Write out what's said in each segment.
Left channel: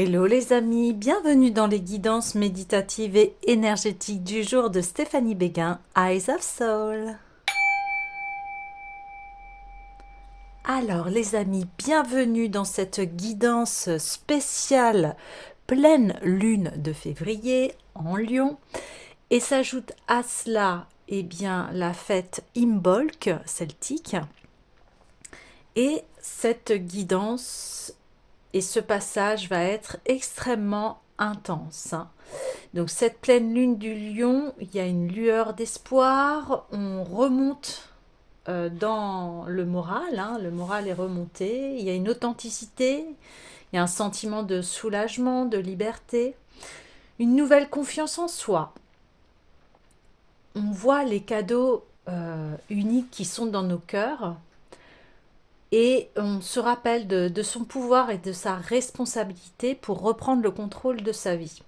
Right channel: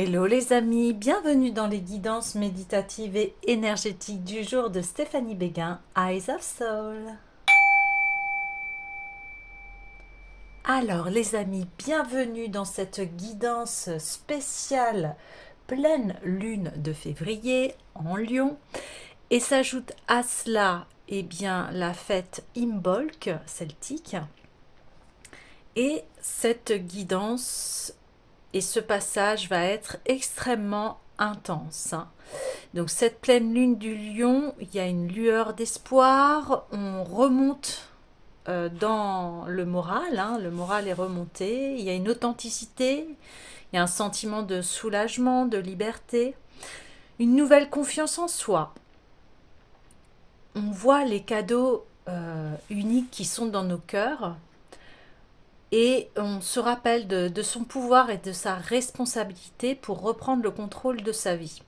Hello les amis, bienvenue dans les guidances méditatives et énergétiques du jour de Stéphanie Béguin, Eyes of Soul. Alors les amis, bienvenue dans cette guidance spéciale pleine lune de février en Lion. Et s'ajoute à cela la fête Imbolc celtique. Et cette guidance et ce passage va être extrêmement intense. Donc cette pleine lune du Lion, il y a une lueur d'espoir, on remonte dans le moral, le moral est remonté, il y a une authenticité, il y a un sentiment de soulagement, de liberté, une nouvelle confiance en soi. On voit les cadeaux uniques qui sont dans nos cœurs et on se rappelle de son pouvoir et de sa responsabilité pour reprendre le contrôle de sa vie.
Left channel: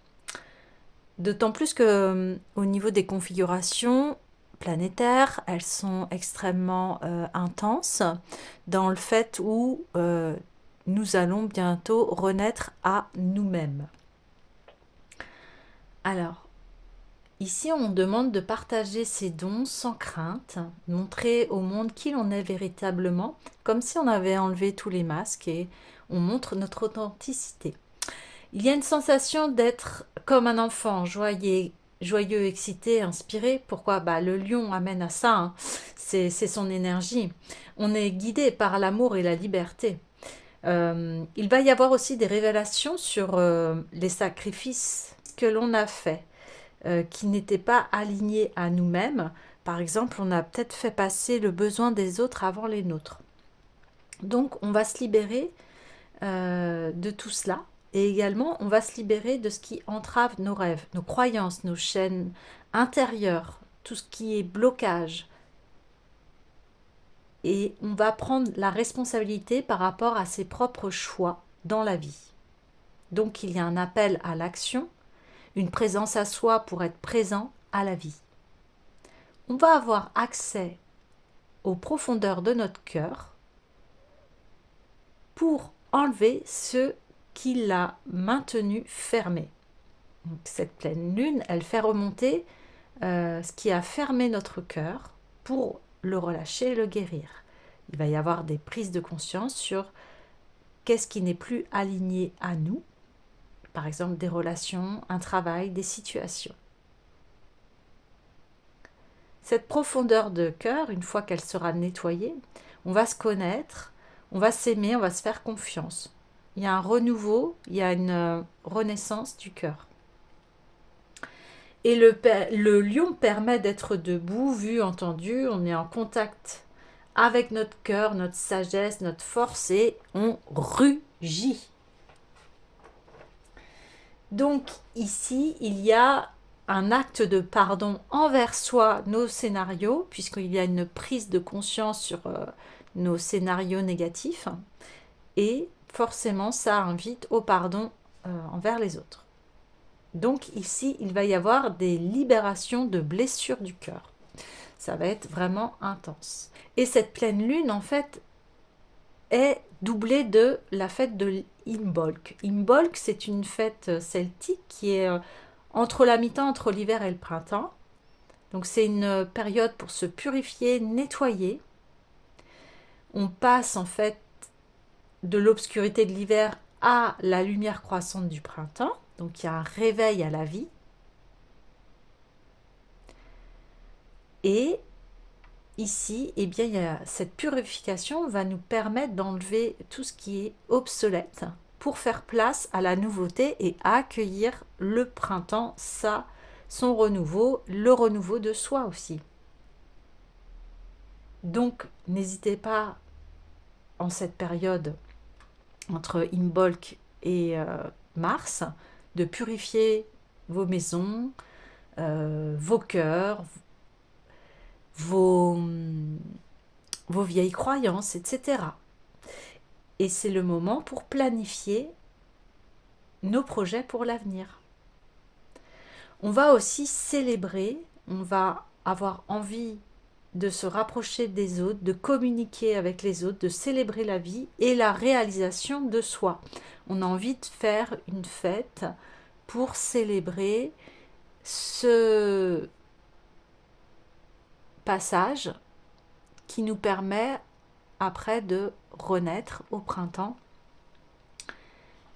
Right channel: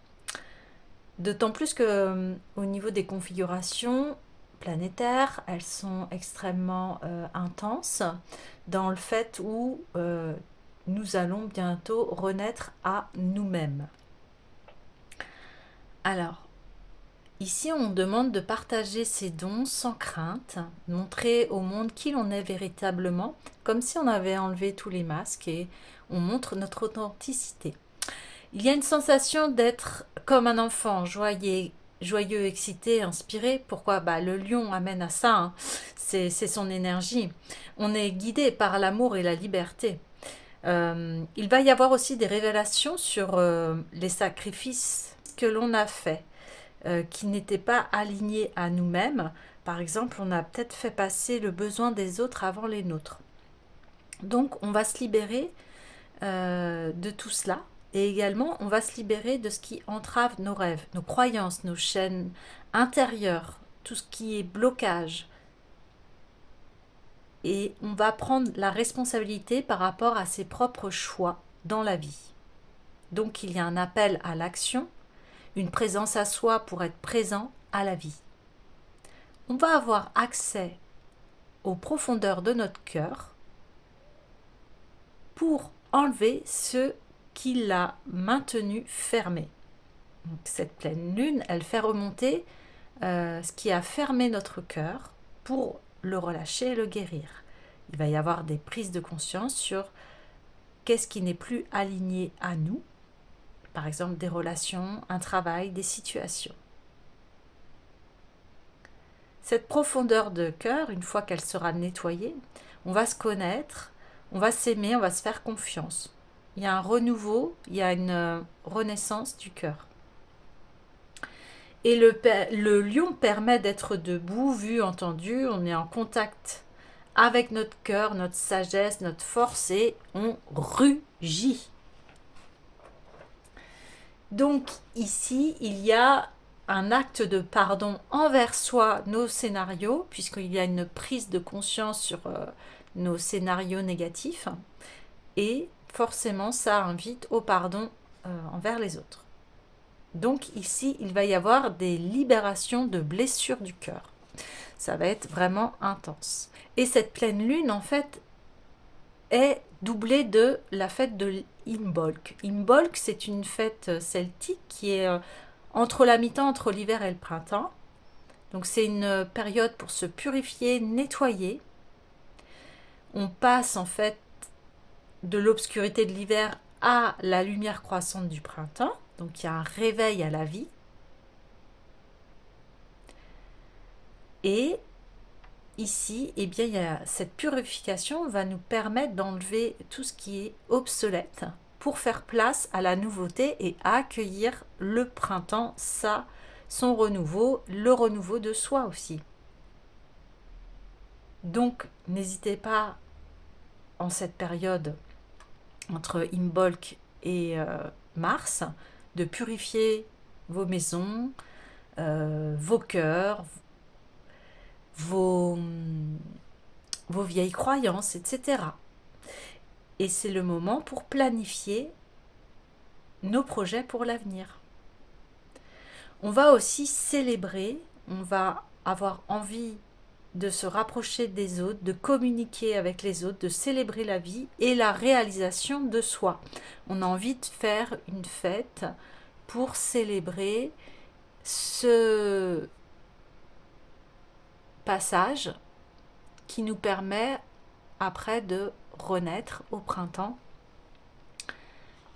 D'autant plus que au niveau des configurations planétaires, elles sont extrêmement intenses dans le fait où nous allons bientôt renaître à nous-mêmes. Alors, ici on demande de partager ses dons sans crainte, montrer au monde qui l'on est véritablement, comme si on avait enlevé tous les masques et on montre notre authenticité. Il y a une sensation d'être comme un enfant, joyeux, excité, inspiré. Pourquoi? Le lion amène à ça, c'est son énergie. On est guidé par l'amour et la liberté. Il va y avoir aussi des révélations sur les sacrifices que l'on a faits, qui n'étaient pas alignés à nous-mêmes. Par exemple, on a peut-être fait passer le besoin des autres avant les nôtres. Donc, on va se libérer de tout cela. Et également, on va se libérer de ce qui entrave nos rêves, nos croyances, nos chaînes intérieures, tout ce qui est blocage. Et on va prendre la responsabilité par rapport à ses propres choix dans la vie. Donc, il y a un appel à l'action, une présence à soi pour être présent à la vie. On va avoir accès aux profondeurs de notre cœur pour enlever ce qui l'a maintenu fermé. Donc, cette pleine lune, elle fait remonter ce qui a fermé notre cœur pour le relâcher et le guérir. Il va y avoir des prises de conscience sur qu'est-ce qui n'est plus aligné à nous, par exemple des relations, un travail, des situations. Cette profondeur de cœur, une fois qu'elle sera nettoyée, on va se connaître, on va s'aimer, on va se faire confiance. Il y a un renouveau, il y a une renaissance du cœur. Et le lion permet d'être debout, vu, entendu, on est en contact avec notre cœur, notre sagesse, notre force et on rugit. Donc ici, il y a un acte de pardon envers soi, nos scénarios, puisqu'il y a une prise de conscience sur nos scénarios négatifs et forcément ça invite au pardon envers les autres. Donc ici, il va y avoir des libérations de blessures du cœur. Ça va être vraiment intense. Et cette pleine lune, en fait, est doublée de la fête de Imbolc. Imbolc, c'est une fête celtique qui est entre la mi-temps, entre l'hiver et le printemps. Donc c'est une période pour se purifier, nettoyer. On passe en fait de l'obscurité de l'hiver à la lumière croissante du printemps. Donc il y a un réveil à la vie. Et ici, il y a cette purification va nous permettre d'enlever tout ce qui est obsolète pour faire place à la nouveauté et accueillir le printemps, son renouveau, le renouveau de soi aussi. Donc, n'hésitez pas en cette période entre Imbolc et Mars de purifier vos maisons, vos cœurs, vos vieilles croyances, etc. Et c'est le moment pour planifier nos projets pour l'avenir. On va aussi célébrer, on va avoir envie de se rapprocher des autres, de communiquer avec les autres, de célébrer la vie et la réalisation de soi. On a envie de faire une fête pour célébrer ce passage qui nous permet après de renaître au printemps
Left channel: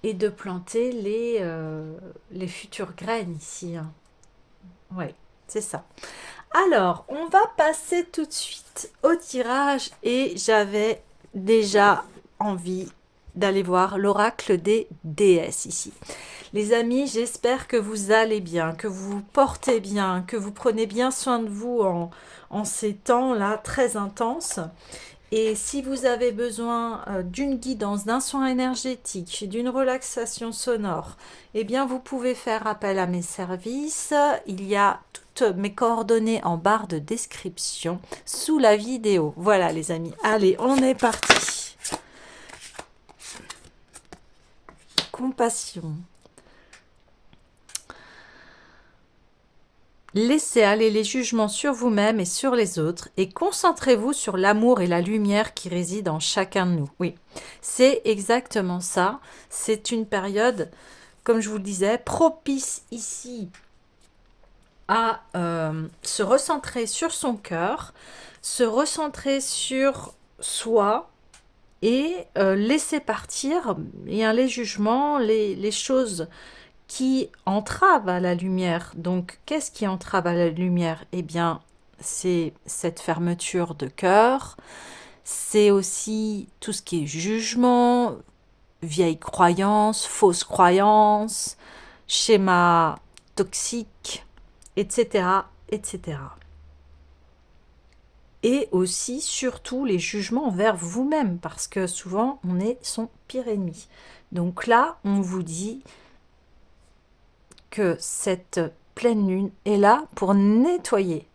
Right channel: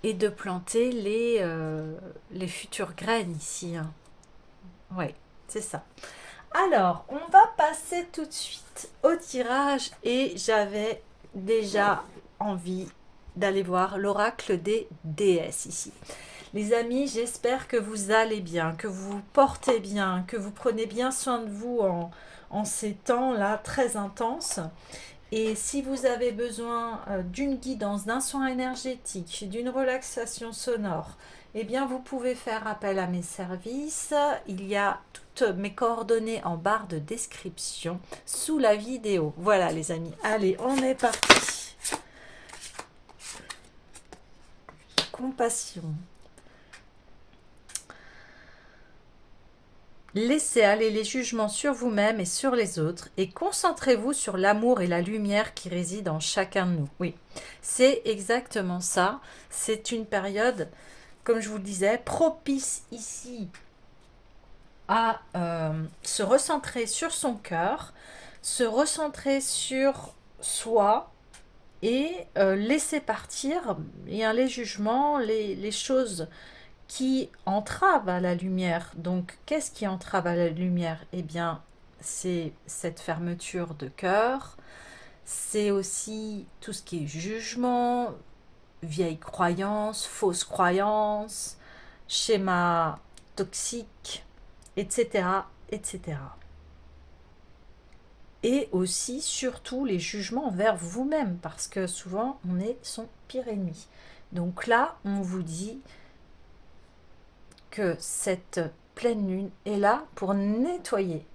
et de planter les futures graines ici. Hein. Oui, c'est ça. Alors, on va passer tout de suite au tirage et j'avais déjà envie d'aller voir l'oracle des déesses ici. Les amis, j'espère que vous allez bien, que vous vous portez bien, que vous prenez bien soin de vous en ces temps-là très intenses. Et si vous avez besoin d'une guidance, d'un soin énergétique, d'une relaxation sonore, eh bien vous pouvez faire appel à mes services. Il y a toutes mes coordonnées en barre de description sous la vidéo. Voilà les amis, allez, on est parti. Compassion. Laissez aller les jugements sur vous-même et sur les autres et concentrez-vous sur l'amour et la lumière qui résident en chacun de nous. Oui, c'est exactement ça. C'est une période, comme je vous le disais, propice ici à se recentrer sur son cœur, se recentrer sur soi et laisser partir les jugements, les choses qui entrave à la lumière. Donc, qu'est-ce qui entrave à la lumière? Eh bien, c'est cette fermeture de cœur, c'est aussi tout ce qui est jugement, vieilles croyances, fausses croyances, schémas toxiques, etc., etc. Et aussi, surtout, les jugements envers vous-même, parce que souvent, on est son pire ennemi. Donc là, on vous dit que cette pleine lune est là pour nettoyer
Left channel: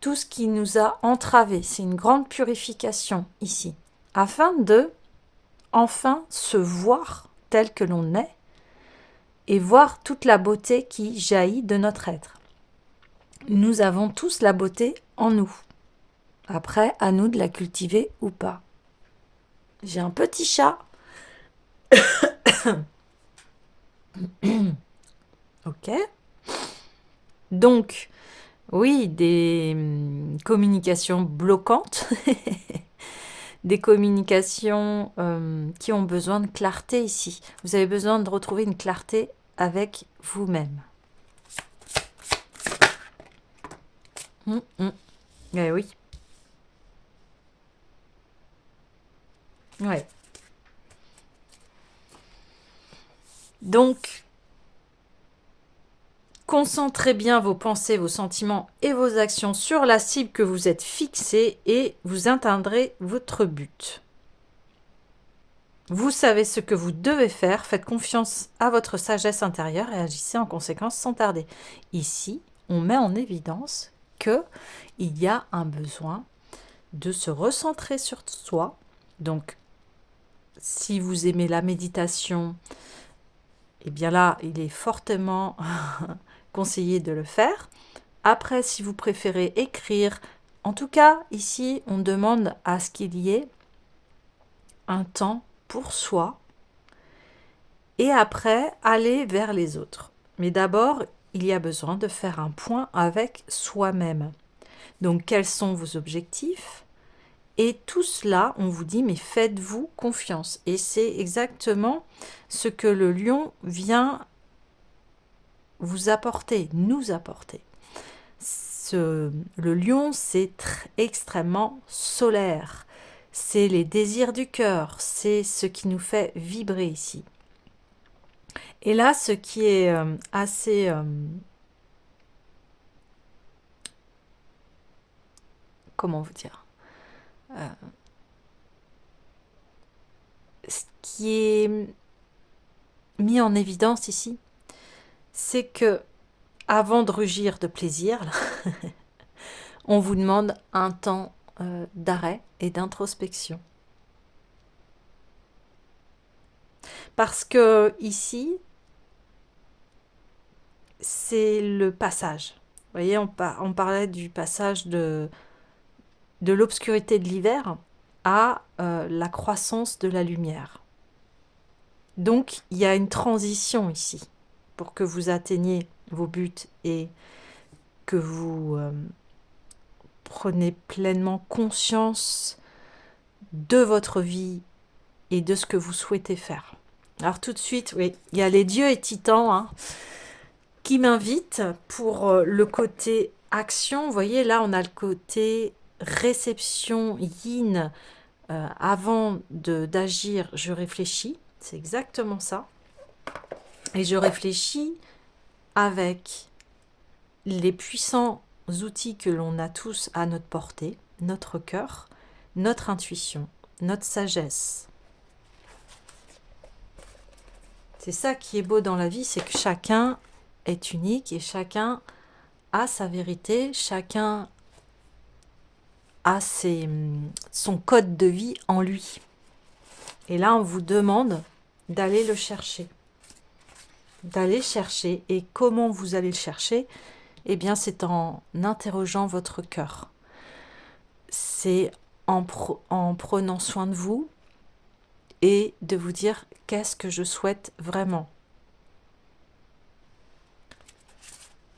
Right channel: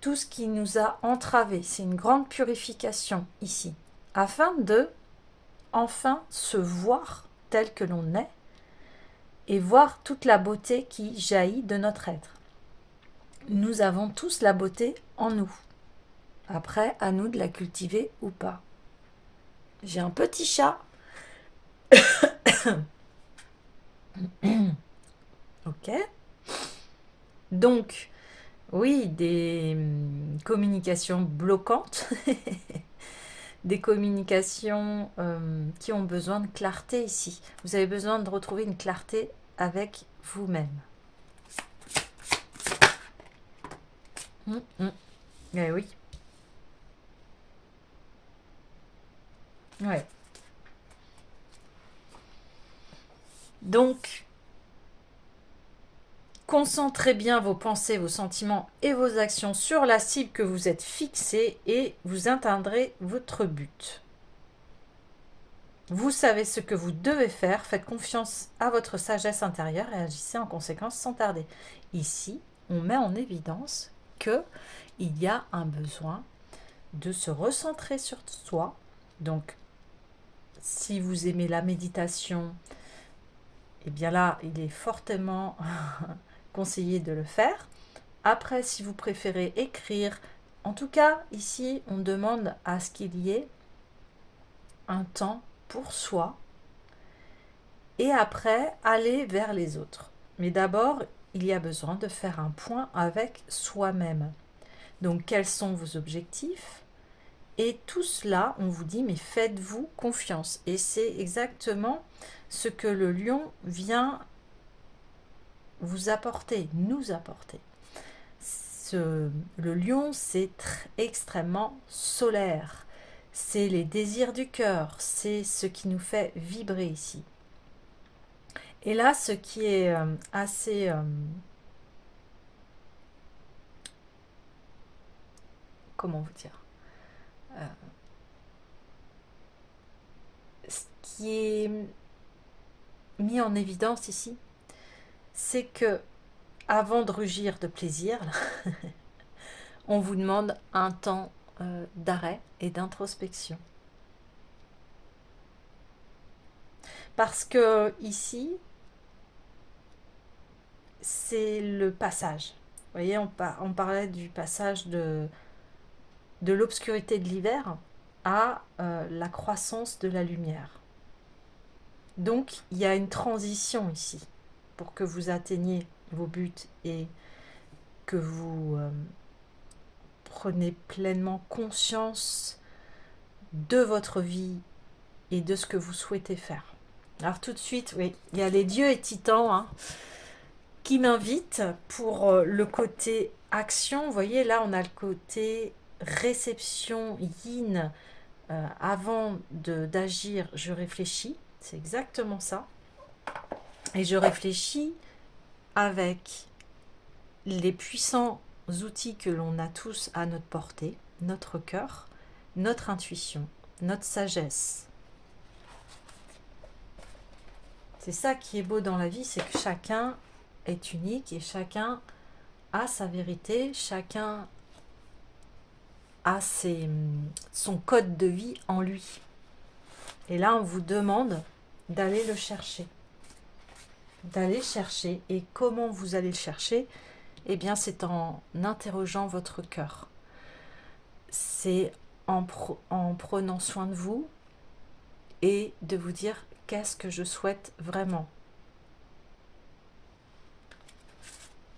tout ce qui nous a entravés. C'est une grande purification ici, afin de enfin se voir tel que l'on est et voir toute la beauté qui jaillit de notre être. Nous avons tous la beauté en nous. Après, à nous de la cultiver ou pas. J'ai un petit chat. Ok. Donc, oui, des communications bloquantes, des communications qui ont besoin de clarté ici. Vous avez besoin de retrouver une clarté avec vous-même. Eh oui. Ouais. Donc, concentrez bien vos pensées, vos sentiments et vos actions sur la cible que vous êtes fixée et vous atteindrez votre but. Vous savez ce que vous devez faire, faites confiance à votre sagesse intérieure et agissez en conséquence sans tarder. Ici, on met en évidence qu'il y a un besoin de se recentrer sur soi. Donc, si vous aimez la méditation, eh bien là, il est fortement conseillé de le faire. Après, si vous préférez écrire, en tout cas, ici, on demande à ce qu'il y ait un temps pour soi et après, aller vers les autres. Mais d'abord, il y a besoin de faire un point avec soi-même. Donc, quels sont vos objectifs? Et tout cela, on vous dit, mais faites-vous confiance. Et c'est exactement ce que le lion vient vous apporter, nous apporter. Le lion, c'est extrêmement solaire. C'est les désirs du cœur, c'est ce qui nous fait vibrer ici. Et là, ce qui est assez... comment vous dire ce qui est mis en évidence ici, c'est que avant de rugir de plaisir, là, on vous demande un temps d'arrêt et d'introspection. Parce que ici, c'est le passage. Vous voyez, on parlait du passage de l'obscurité de l'hiver à la croissance de la lumière. Donc, il y a une transition ici pour que vous atteigniez vos buts et que vous prenez pleinement conscience de votre vie et de ce que vous souhaitez faire. Alors tout de suite, oui, il y a les dieux et titans hein, qui m'invitent pour le côté action. Vous voyez, là, on a le côté réception yin. Avant d'agir, je réfléchis. C'est exactement ça. Et je réfléchis avec les puissants outils que l'on a tous à notre portée, notre cœur, notre intuition, notre sagesse. C'est ça qui est beau dans la vie, c'est que chacun est unique et chacun a sa vérité, chacun a son code de vie en lui. Et là, on vous demande d'aller le chercher. D'aller chercher. Et comment vous allez le chercher? Eh bien, c'est en interrogeant votre cœur. C'est en prenant soin de vous et de vous dire qu'est-ce que je souhaite vraiment.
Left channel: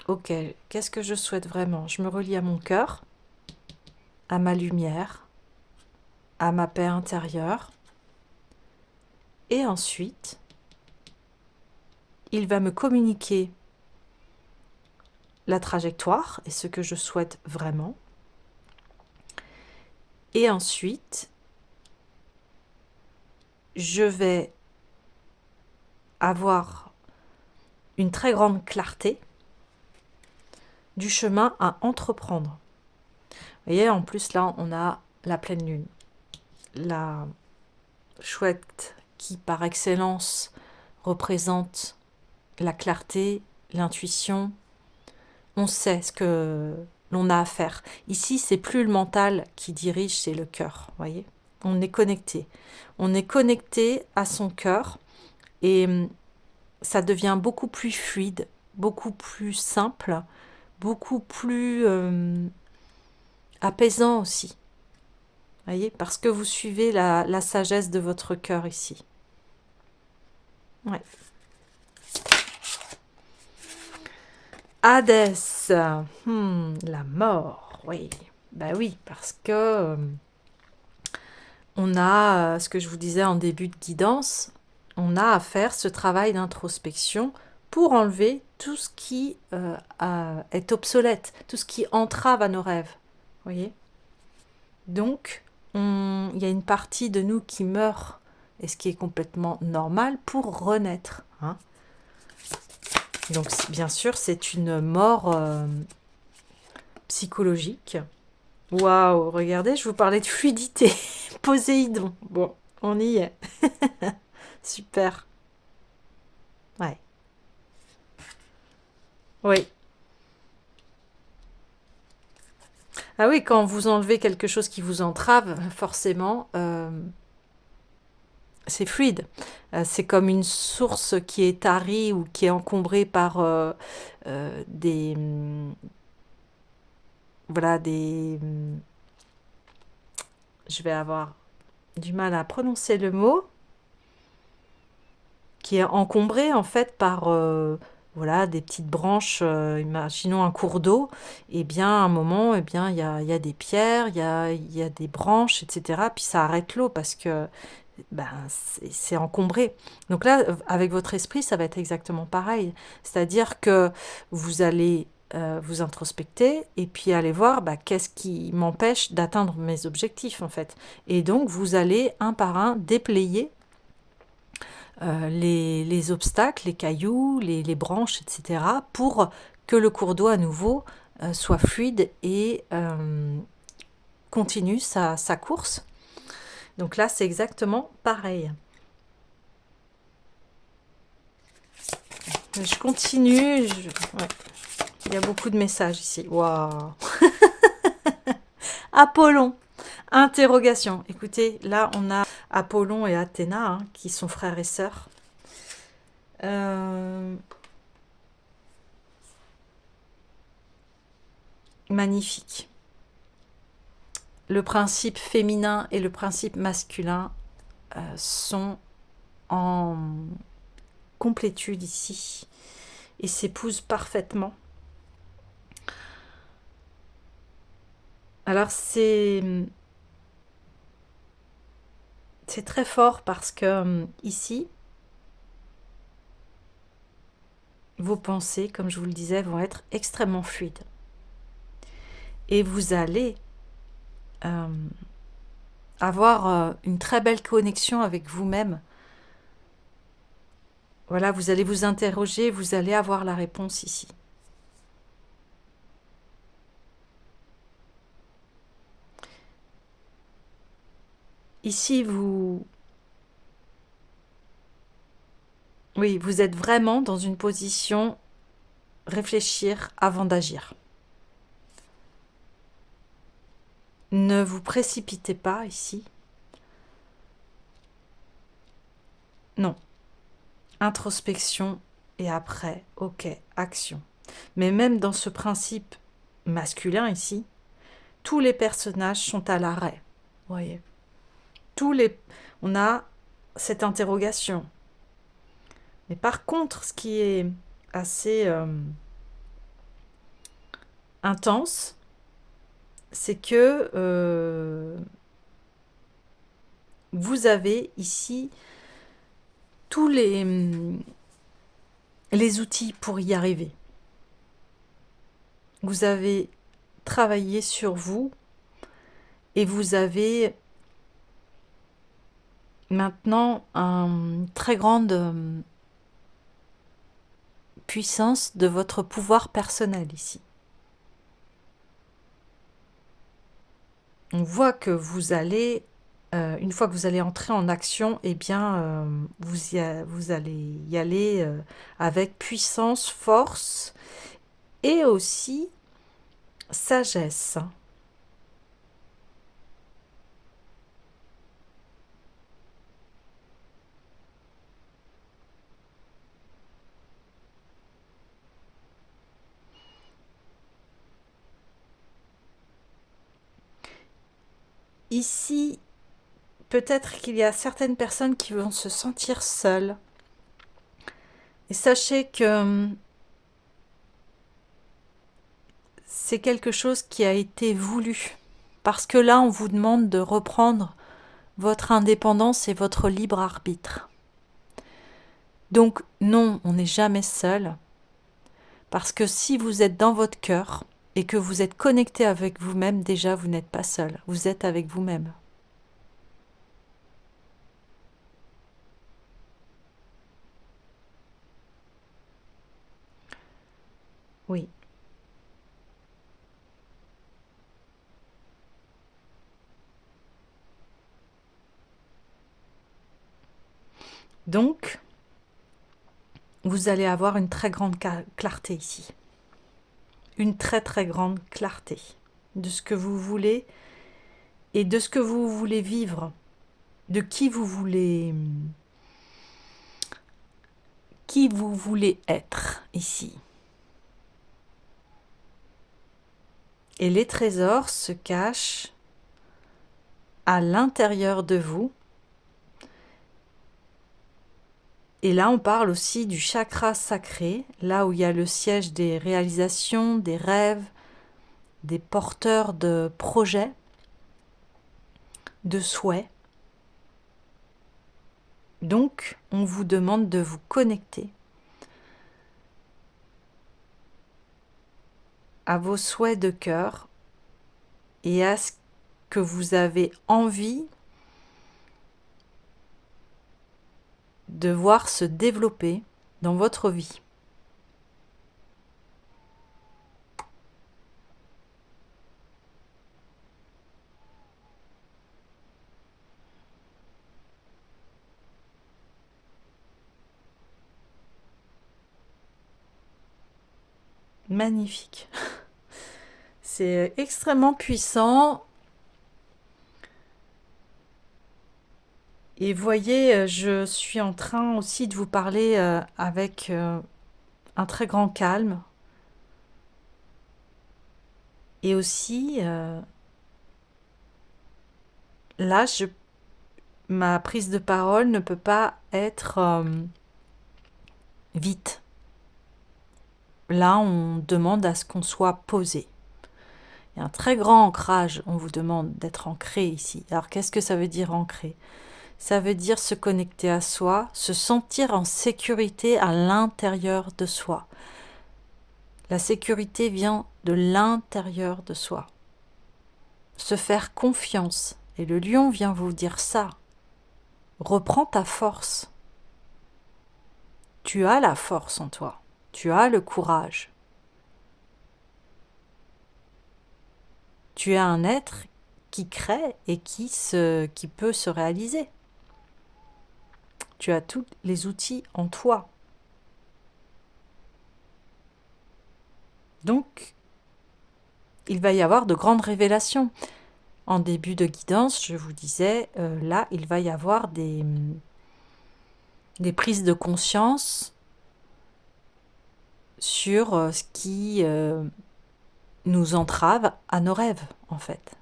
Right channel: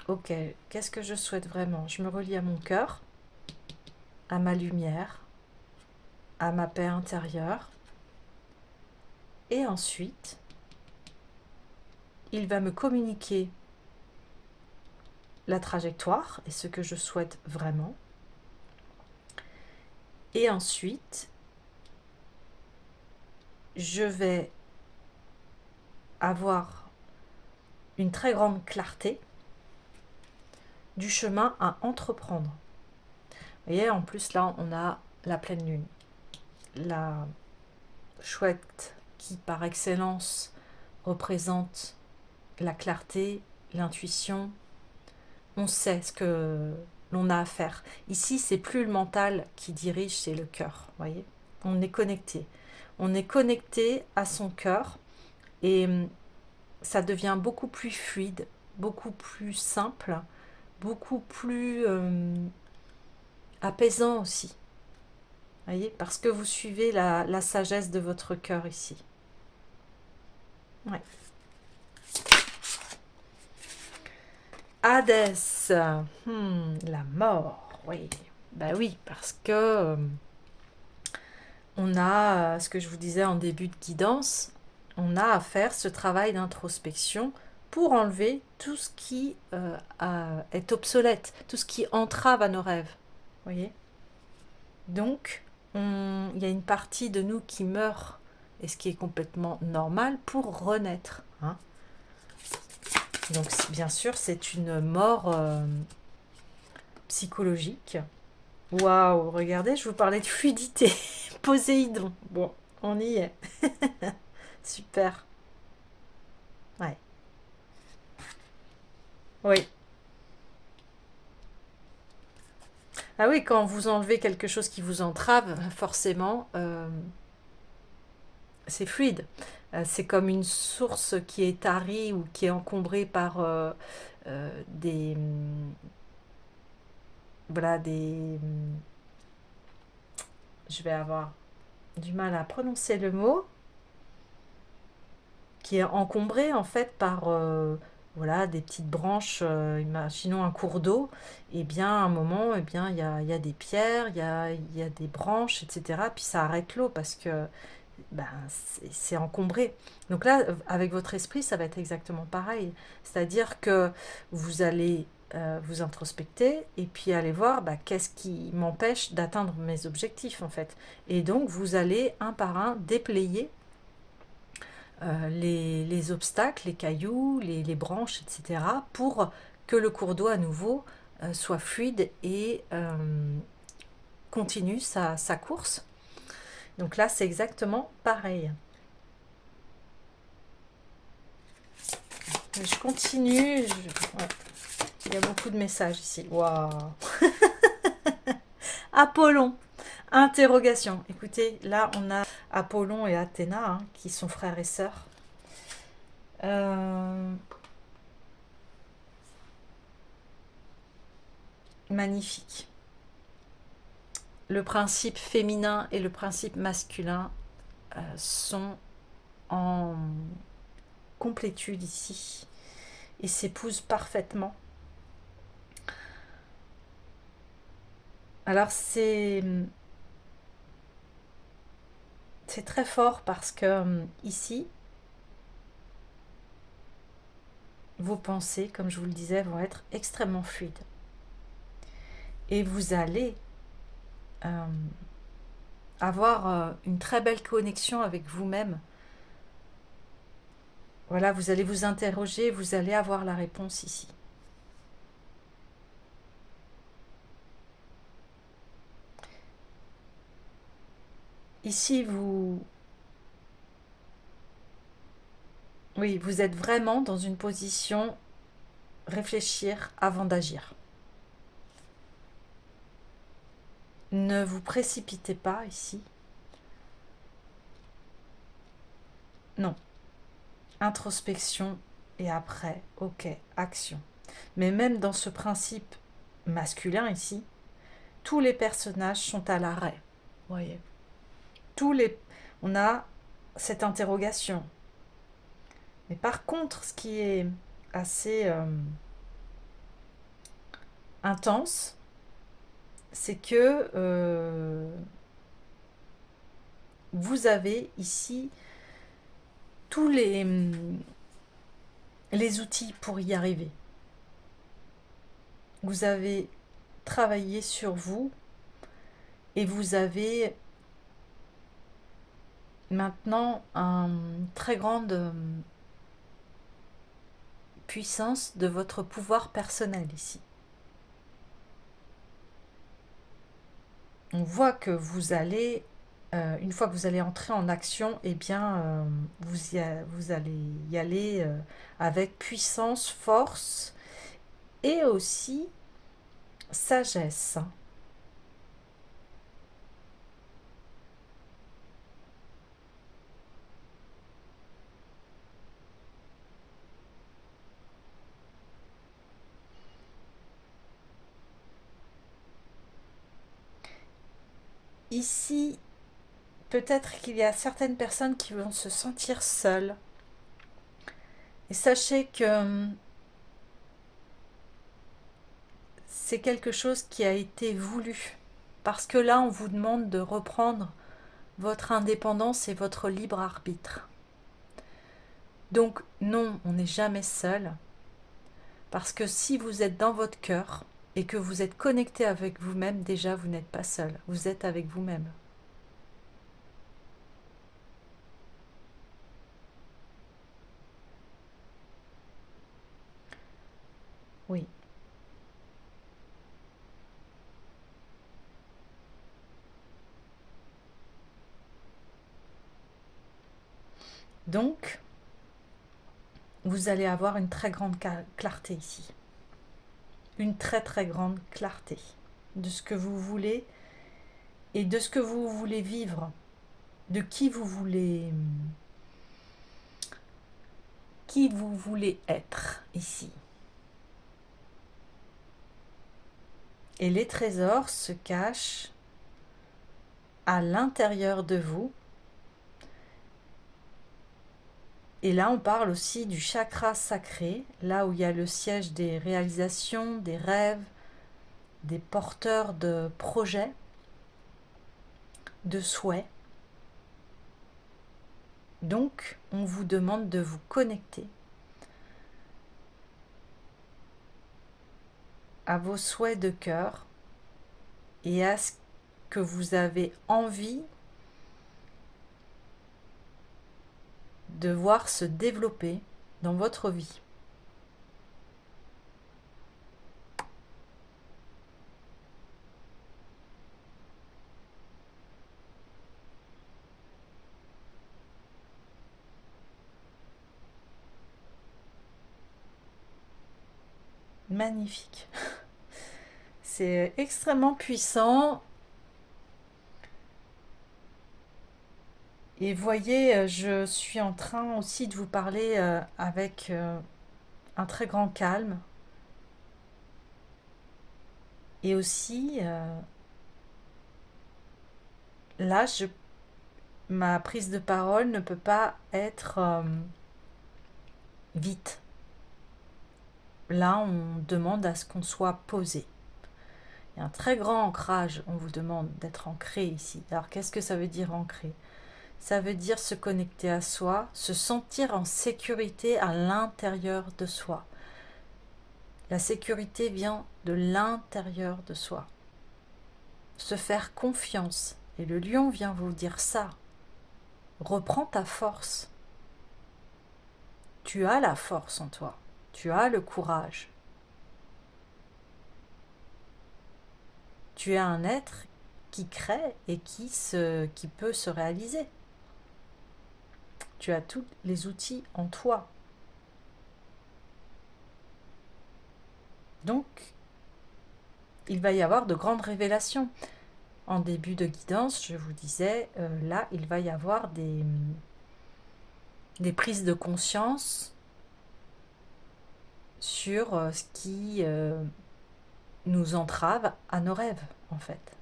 Ok, qu'est-ce que je souhaite vraiment? Je me relie à mon cœur, à ma lumière, à ma paix intérieure. Et ensuite, il va me communiquer la trajectoire et ce que je souhaite vraiment. Et ensuite, je vais avoir une très grande clarté du chemin à entreprendre. Vous voyez, en plus là, on a la pleine lune. La chouette qui, par excellence, représente la clarté, l'intuition. On sait ce que l'on a à faire. Ici, c'est plus le mental qui dirige, c'est le cœur. Voyez, on est connecté. On est connecté à son cœur et ça devient beaucoup plus fluide, beaucoup plus simple, beaucoup plus apaisant aussi. Voyez, parce que vous suivez la sagesse de votre cœur ici. Ouais. Hadès, la mort, oui. Bah oui, parce que on a, ce que je vous disais en début de guidance, on a à faire ce travail d'introspection pour enlever tout ce qui est obsolète, tout ce qui entrave à nos rêves. Voyez. Donc, il y a une partie de nous qui meurt, et ce qui est complètement normal, pour renaître. Hein. Donc, bien sûr, c'est une mort psychologique. Waouh, regardez, je vous parlais de fluidité. Poséidon. Bon, on y est. Super. Ouais. Oui. Ah oui, quand vous enlevez quelque chose qui vous entrave, forcément, c'est fluide. C'est comme une source qui est tarie ou qui est encombrée par voilà, je vais avoir du mal à prononcer le mot, qui est encombré en fait par voilà, des petites branches, imaginons un cours d'eau, et bien à un moment, eh bien, il y a des pierres, il y a des branches, etc. Puis ça arrête l'eau parce que ben, c'est encombré. Donc là, avec votre esprit, ça va être exactement pareil. C'est-à-dire que vous allez vous introspecter et puis aller voir bah, qu'est-ce qui m'empêche d'atteindre mes objectifs en fait. Et donc, vous allez un par un déployer les obstacles, les cailloux, les branches, etc. pour que le cours d'eau à nouveau soit fluide et continue sa course. Donc là, c'est exactement pareil. Je continue. Ouais. Il y a beaucoup de messages ici. Waouh. Apollon. Interrogation. Écoutez, là, on a Apollon et Athéna, hein, qui sont frères et sœurs. magnifique. Le principe féminin et le principe masculin sont en complétude ici et s'épousent parfaitement. Alors c'est très fort parce que ici, vos pensées, comme je vous le disais, vont être extrêmement fluides. Et vous allez avoir une très belle connexion avec vous-même. Voilà, vous allez vous interroger, vous allez avoir la réponse ici. Ici, oui, vous êtes vraiment dans une position réfléchir avant d'agir. Ne vous précipitez pas ici. Non. Introspection et après, ok, action. Mais même dans ce principe masculin ici, tous les personnages sont à l'arrêt. Voyez. On a cette interrogation. Mais par contre, ce qui est assez intense, c'est que vous avez ici tous les outils pour y arriver. Vous avez travaillé sur vous et vous avez maintenant une très grande puissance de votre pouvoir personnel ici. On voit que vous allez, une fois que vous allez entrer en action, eh bien, vous allez y aller avec puissance, force et aussi sagesse. Ici, peut-être qu'il y a certaines personnes qui vont se sentir seules. Et sachez que c'est quelque chose qui a été voulu. Parce que là, on vous demande de reprendre votre indépendance et votre libre arbitre. Donc non, on n'est jamais seul. Parce que si vous êtes dans votre cœur et que vous êtes connecté avec vous-même, déjà, vous n'êtes pas seul. Vous êtes avec vous-même. Oui. Donc, vous allez avoir une très grande clarté ici. Une très très grande clarté de ce que vous voulez et de ce que vous voulez vivre, de qui vous voulez être ici. Et les trésors se cachent à l'intérieur de vous. Et là, on parle aussi du chakra sacré, là où il y a le siège des réalisations, des rêves, des porteurs de projets, de souhaits. Donc, on vous demande de vous connecter à vos souhaits de cœur et à ce que vous avez envie de voir se développer dans votre vie. Magnifique. C'est extrêmement puissant. Et voyez, je suis en train aussi de vous parler avec un très grand calme. Et aussi, là, ma prise de parole ne peut pas être vite. Là, on demande à ce qu'on soit posé. Il y a un très grand ancrage, on vous demande d'être ancré ici. Alors, qu'est-ce que ça veut dire ancré? Ça veut dire se connecter à soi, se sentir en sécurité à l'intérieur de soi. La sécurité vient de l'intérieur de soi. Se faire confiance. Et le lion vient vous dire ça. Reprends ta force. Tu as la force en toi. Tu as le courage. Tu es un être qui crée et qui peut se réaliser. Tu as tous les outils en toi. Donc, il va y avoir de grandes révélations. En début de guidance, je vous disais, là, il va y avoir des prises de conscience sur ce qui nous entrave à nos rêves, en fait.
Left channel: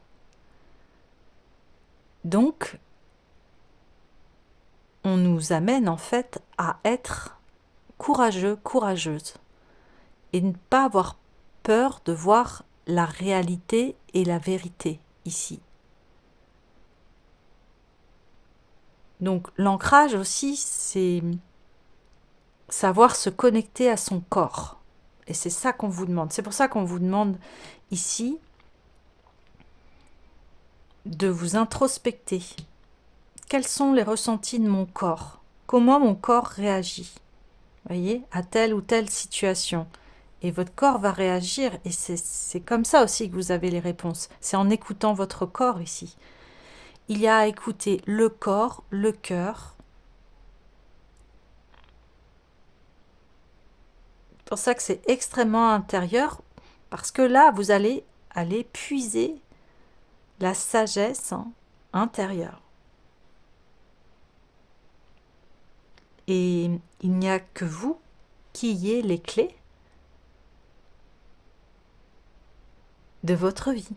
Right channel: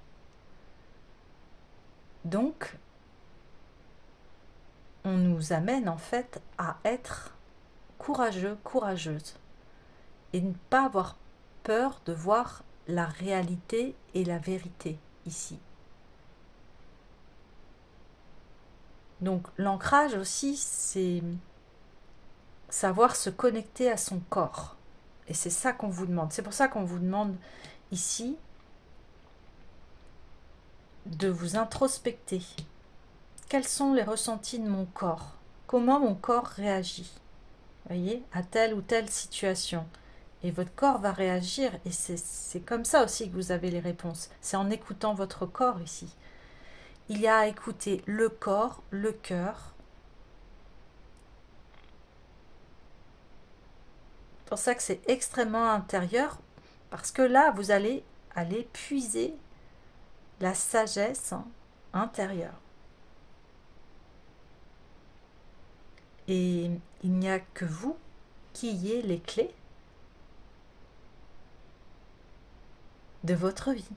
Donc, on nous amène, en fait, à être courageux, courageuse, et ne pas avoir peur de voir la réalité et la vérité ici. Donc, l'ancrage aussi, c'est savoir se connecter à son corps. Et c'est ça qu'on vous demande. C'est pour ça qu'on vous demande ici de vous introspecter. Quels sont les ressentis de mon corps? Comment mon corps réagit, voyez, à telle ou telle situation? Et votre corps va réagir, et c'est comme ça aussi que vous avez les réponses. C'est en écoutant votre corps ici. Il y a à écouter le corps, le cœur. C'est pour ça que c'est extrêmement intérieur, parce que là, vous allez aller puiser la sagesse intérieure. Et il n'y a que vous qui ayez les clés de votre vie.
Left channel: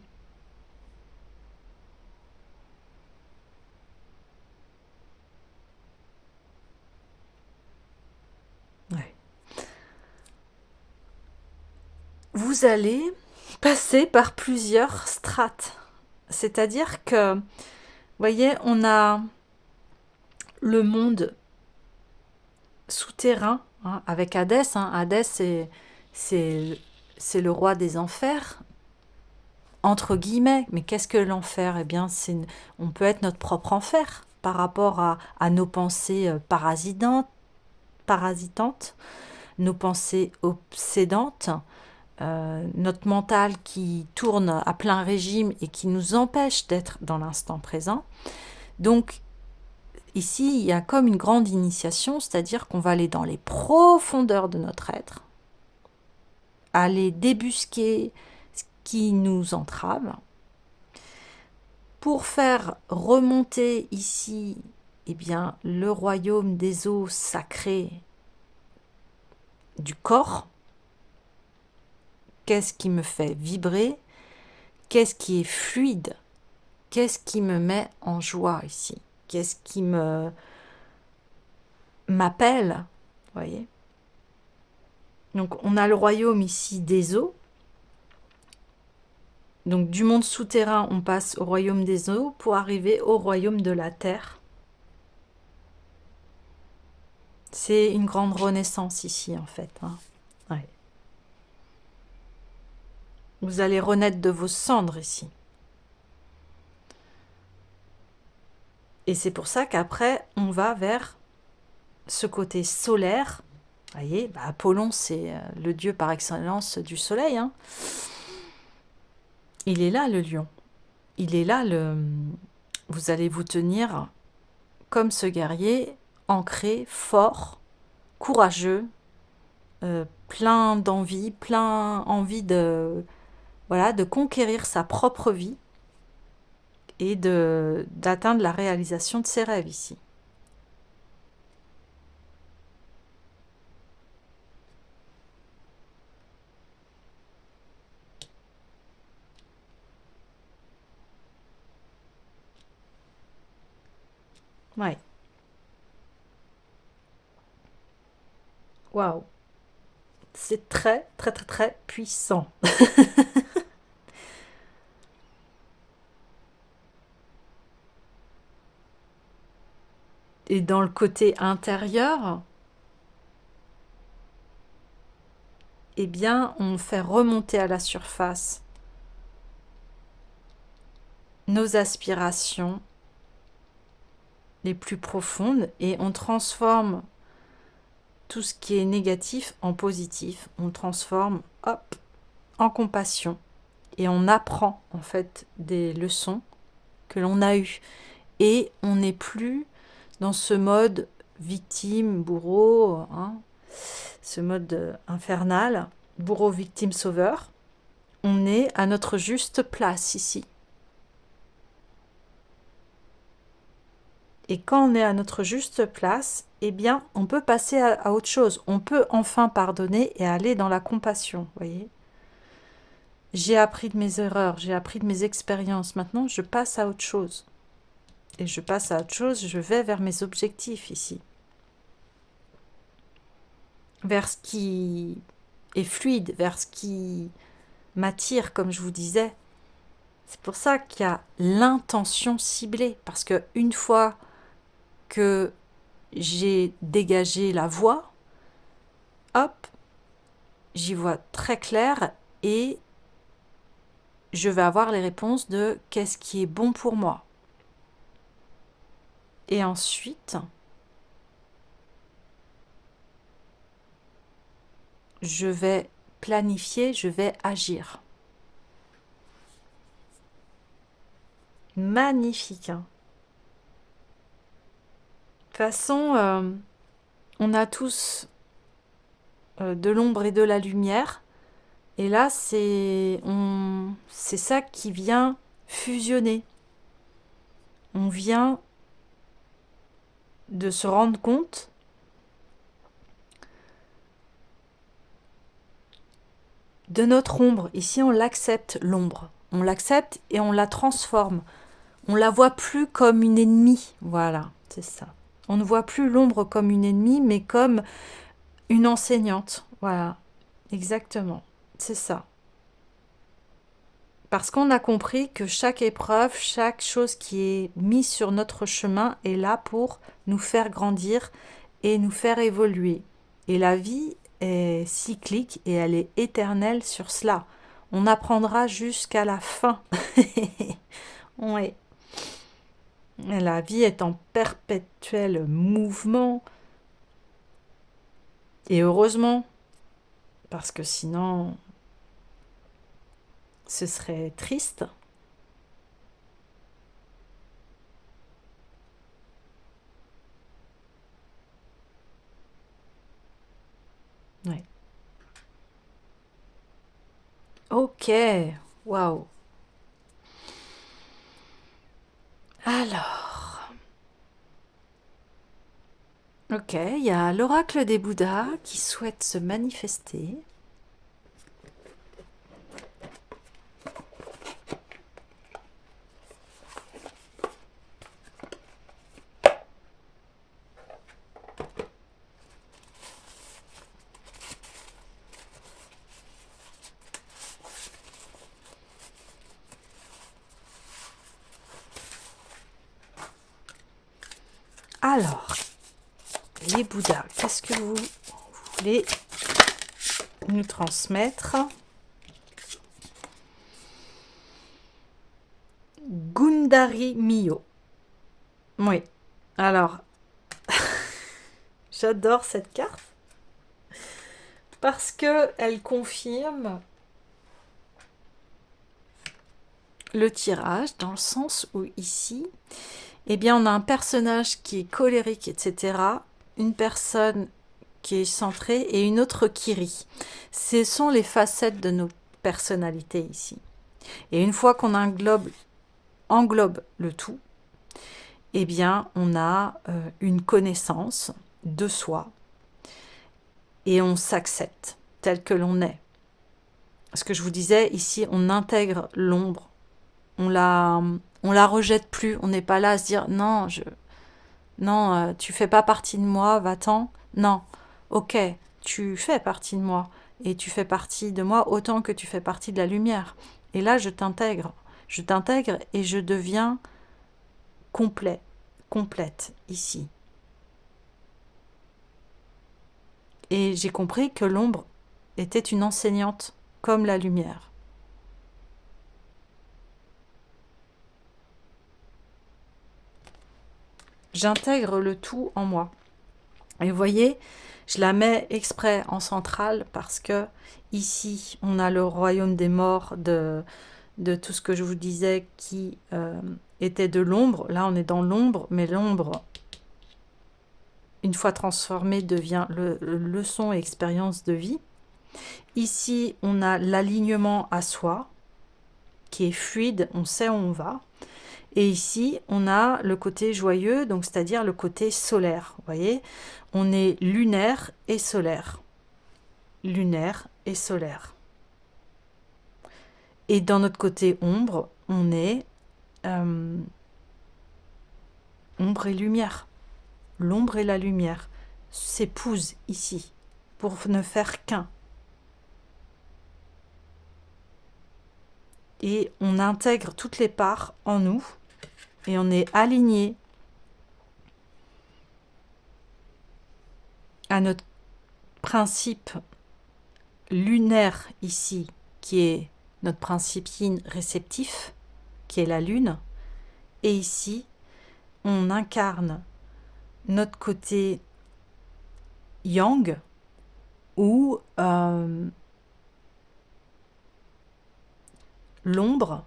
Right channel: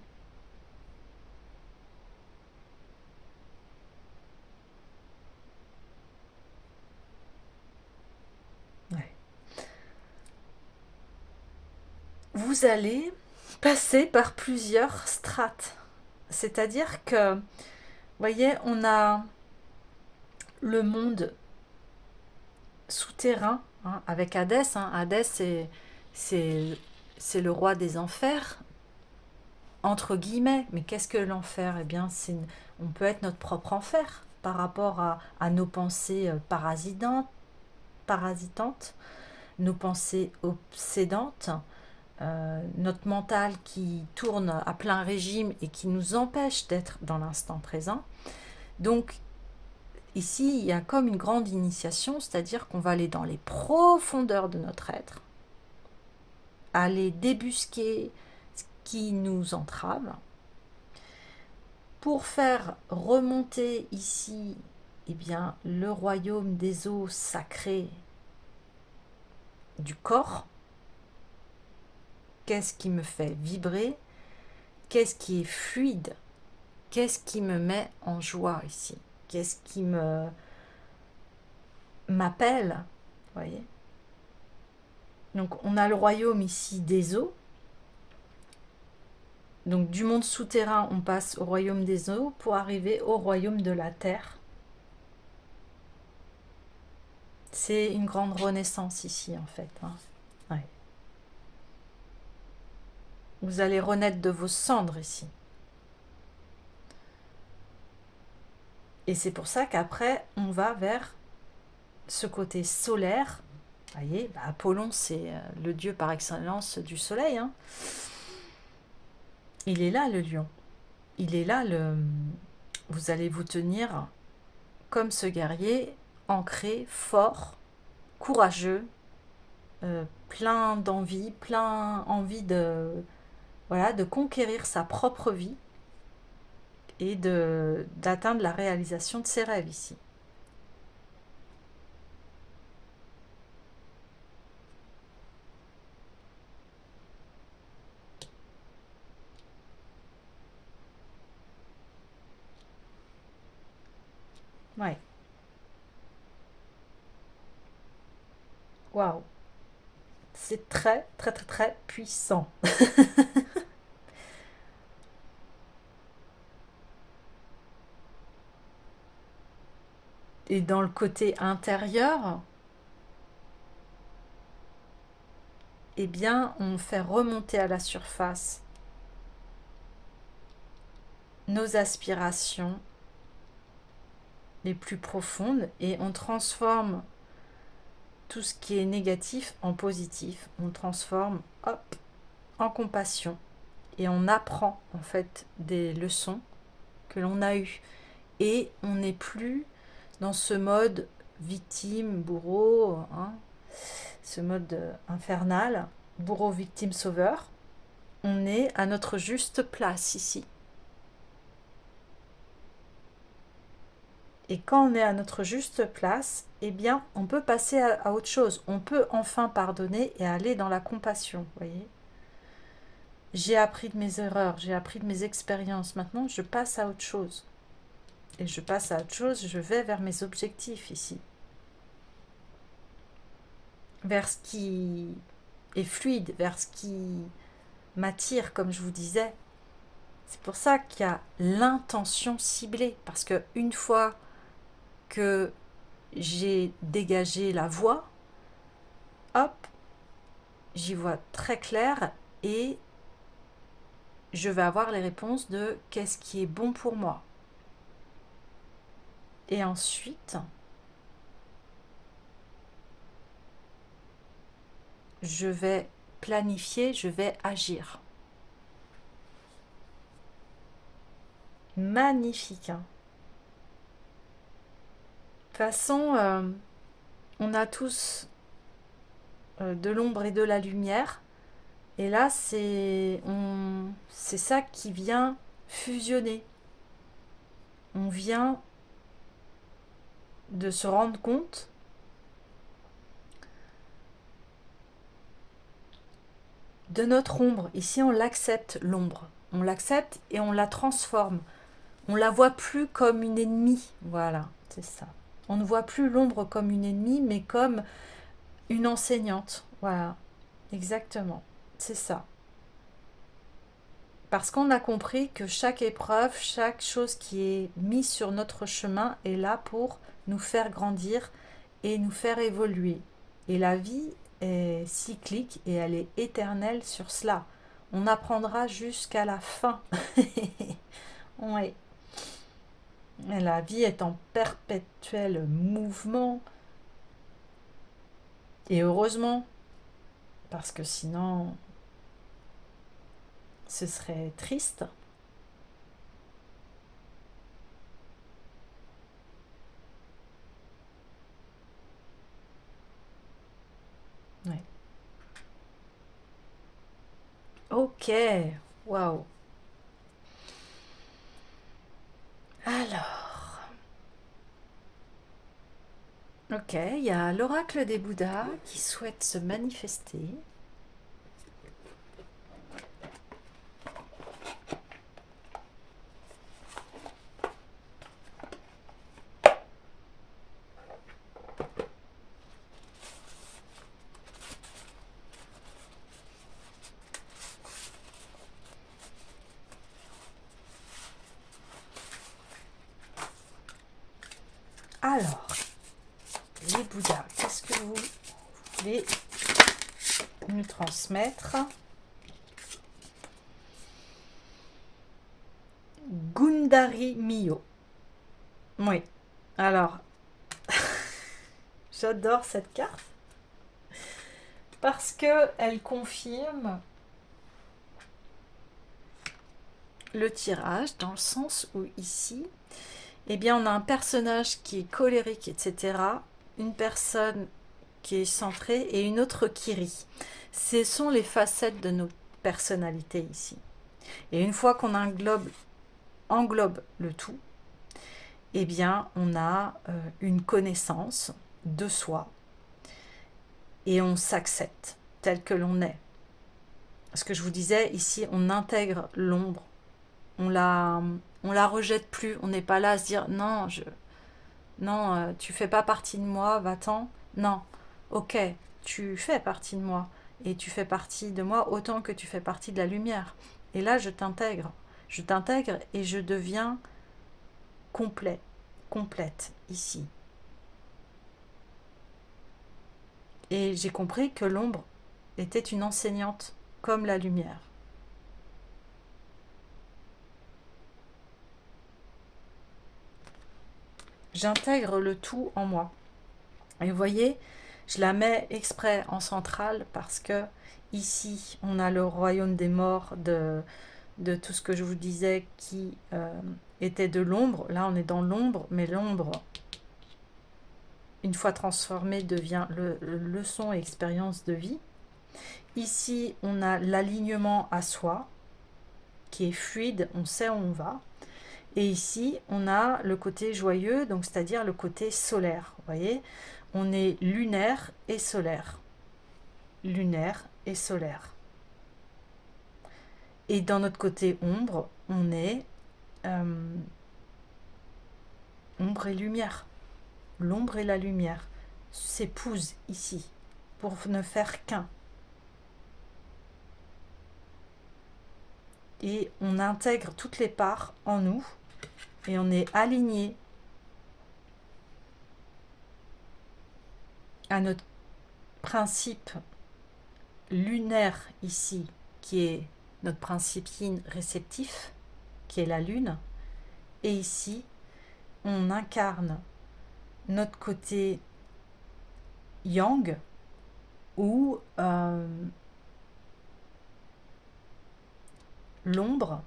Ouais. Vous allez passer par plusieurs strates. C'est-à-dire que, vous voyez, on a le monde souterrain avec Hadès. Hadès, c'est le roi des enfers, entre guillemets. Mais qu'est-ce que l'enfer? Eh bien, on peut être notre propre enfer par rapport à nos pensées parasitantes, nos pensées obsédantes, notre mental qui tourne à plein régime et qui nous empêche d'être dans l'instant présent. Donc, ici, il y a comme une grande initiation, c'est-à-dire qu'on va aller dans les profondeurs de notre être, aller débusquer ce qui nous entrave, pour faire remonter ici, eh bien, le royaume des eaux sacrées du corps. Qu'est-ce qui me fait vibrer? Qu'est-ce qui est fluide? Qu'est-ce qui me met en joie ici? Qu'est-ce qui m'appelle? Voyez? Donc on a le royaume ici des eaux. Donc du monde souterrain, on passe au royaume des eaux pour arriver au royaume de la terre. C'est une grande renaissance ici en fait. Ouais. Vous allez renaître de vos cendres ici. Et c'est pour ça qu'après, on va vers ce côté solaire. Vous voyez, Apollon, c'est le dieu par excellence du soleil. Il est là, le lion. Il est là, vous allez vous tenir comme ce guerrier, ancré, fort, courageux, plein d'envie, plein envie de, voilà, de conquérir sa propre vie et d'atteindre la réalisation de ses rêves ici. Ouais. Waouh. C'est très, très, très, très puissant. Et dans le côté intérieur, eh bien, on fait remonter à la surface nos aspirations les plus profondes et on transforme tout ce qui est négatif en positif. On transforme, hop, en compassion. Et on apprend, en fait, des leçons que l'on a eues. Et on n'est plus dans ce mode victime, bourreau, hein, ce mode infernal, bourreau, victime, sauveur. On est à notre juste place ici. Et quand on est à notre juste place, eh bien, on peut passer à autre chose. On peut enfin pardonner et aller dans la compassion, voyez. J'ai appris de mes erreurs, j'ai appris de mes expériences. Maintenant, je passe à autre chose. Et je passe à autre chose, je vais vers mes objectifs ici. Vers ce qui est fluide, vers ce qui m'attire, comme je vous disais. C'est pour ça qu'il y a l'intention ciblée. Parce que une fois que j'ai dégagé la voie, hop, j'y vois très clair et je vais avoir les réponses de qu'est-ce qui est bon pour moi. Et ensuite, je vais planifier, je vais agir. Magnifique, hein. De toute façon, on a tous de l'ombre et de la lumière. Et là, c'est ça qui vient fusionner. On vient de se rendre compte de notre ombre. Ici, on l'accepte, l'ombre. On l'accepte et on la transforme. On la voit plus comme une ennemie. Voilà, c'est ça. On ne voit plus l'ombre comme une ennemie, mais comme une enseignante. Voilà, exactement. C'est ça. Parce qu'on a compris que chaque épreuve, chaque chose qui est mise sur notre chemin est là pour nous faire grandir et nous faire évoluer. Et la vie est cyclique et elle est éternelle sur cela. On apprendra jusqu'à la fin. Oui. La vie est en perpétuel mouvement. Et heureusement, parce que sinon, ce serait triste. Ouais. Ok, waouh. Alors, ok, il y a l'oracle des Bouddhas qui souhaite se manifester. Alors, les Bouddhas, qu'est-ce que vous voulez nous transmettre? Gundari Mio. Oui. Alors, j'adore cette carte parce que elle confirme le tirage dans le sens où ici, eh bien, on a un personnage qui est colérique, etc. Une personne qui est centrée et une autre qui rit. Ce sont les facettes de nos personnalités ici. Et une fois qu'on englobe le tout, eh bien, on a une connaissance de soi et on s'accepte tel que l'on est. Ce que je vous disais, ici, on intègre l'ombre. On la rejette plus. On n'est pas là à se dire, non, Non, tu fais pas partie de moi, va-t'en. Non, ok, tu fais partie de moi. Et tu fais partie de moi autant que tu fais partie de la lumière. Et là, je t'intègre. Je t'intègre et je deviens complet, complète ici. Et j'ai compris que l'ombre était une enseignante comme la lumière. J'intègre le tout en moi. Et vous voyez, je la mets exprès en centrale parce que ici, on a le royaume des morts de tout ce que je vous disais qui était de l'ombre. Là, on est dans l'ombre, mais l'ombre, une fois transformée, devient leçon et expérience de vie. Ici, on a l'alignement à soi, qui est fluide, on sait où on va. Et ici, on a le côté joyeux, donc c'est-à-dire le côté solaire. Vous voyez, on est lunaire et solaire. Lunaire et solaire. Et dans notre côté ombre, on est ombre et lumière. L'ombre et la lumière s'épousent ici pour ne faire qu'un. Et on intègre toutes les parts en nous et on est aligné à notre principe lunaire ici, qui est notre principe yin réceptif, qui est la lune. Et ici, on incarne notre côté yang, ou l'ombre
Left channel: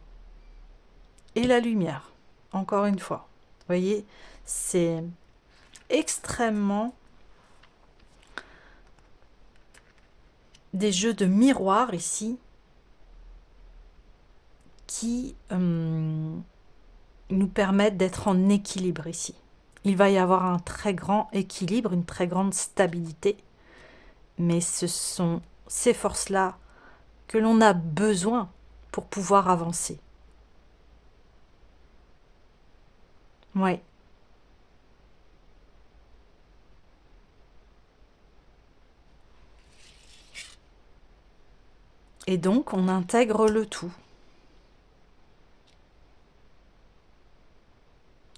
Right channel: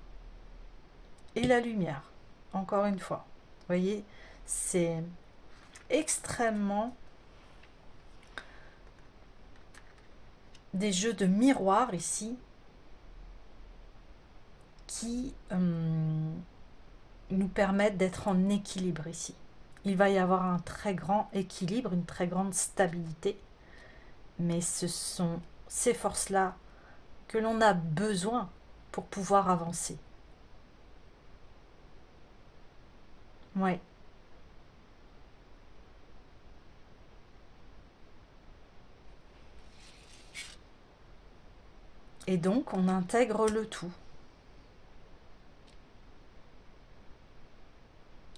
et la lumière. Encore une fois, vous voyez, c'est extrêmement des jeux de miroir ici qui nous permettent d'être en équilibre ici. Il va y avoir un très grand équilibre, une très grande stabilité, mais ce sont ces forces-là que l'on a besoin pour pouvoir avancer. Ouais. Et donc, on intègre le tout.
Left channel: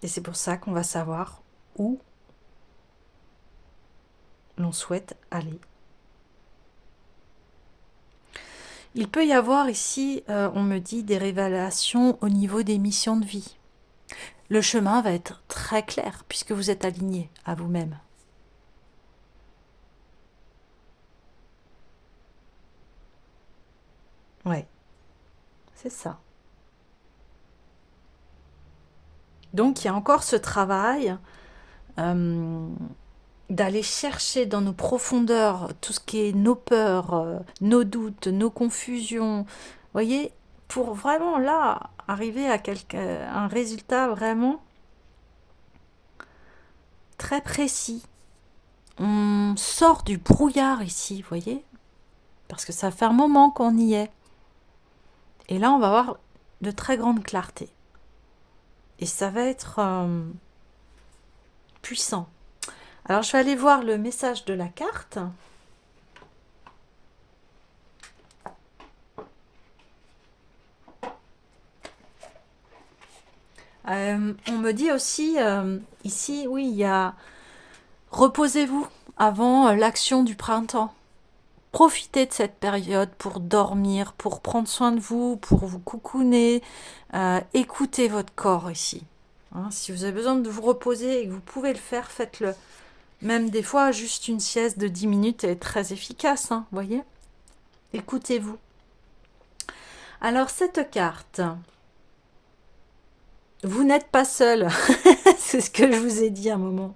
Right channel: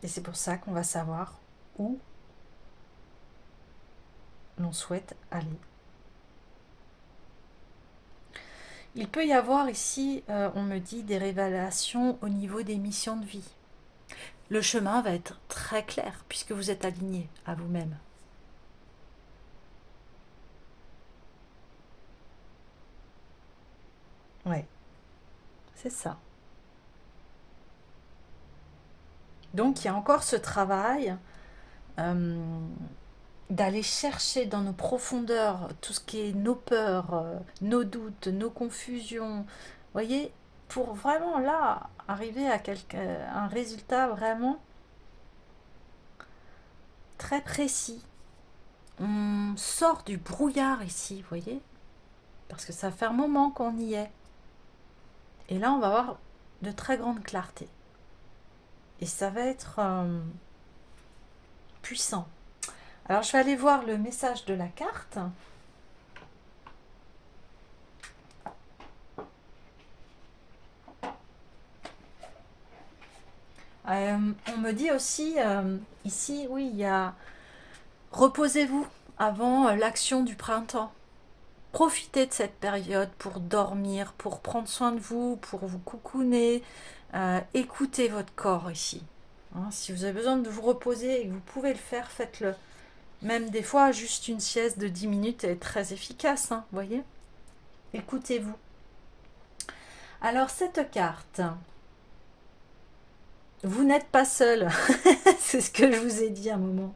Et c'est pour ça qu'on va savoir où l'on souhaite aller. Il peut y avoir ici, on me dit, des révélations au niveau des missions de vie. Le chemin va être très clair puisque vous êtes aligné à vous-même. Ouais, c'est ça. Donc il y a encore ce travail d'aller chercher dans nos profondeurs tout ce qui est nos peurs, nos doutes, nos confusions. Vous voyez, pour vraiment là arriver à un résultat vraiment très précis. On sort du brouillard ici, vous voyez, parce que ça fait un moment qu'on y est. Et là, on va avoir de très grande clarté. Et ça va être puissant. Alors, je vais aller voir le message de la carte. On me dit aussi, ici, oui, il y a reposez-vous avant l'action du printemps. Profitez de cette période pour dormir, pour prendre soin de vous, pour vous coucouner. Écoutez votre corps ici. Hein, si vous avez besoin de vous reposer et que vous pouvez le faire, faites-le. Même des fois, juste une sieste de 10 minutes est très efficace, hein, voyez. Écoutez-vous. Alors, cette carte, vous n'êtes pas seul. C'est ce que je vous ai dit à un moment.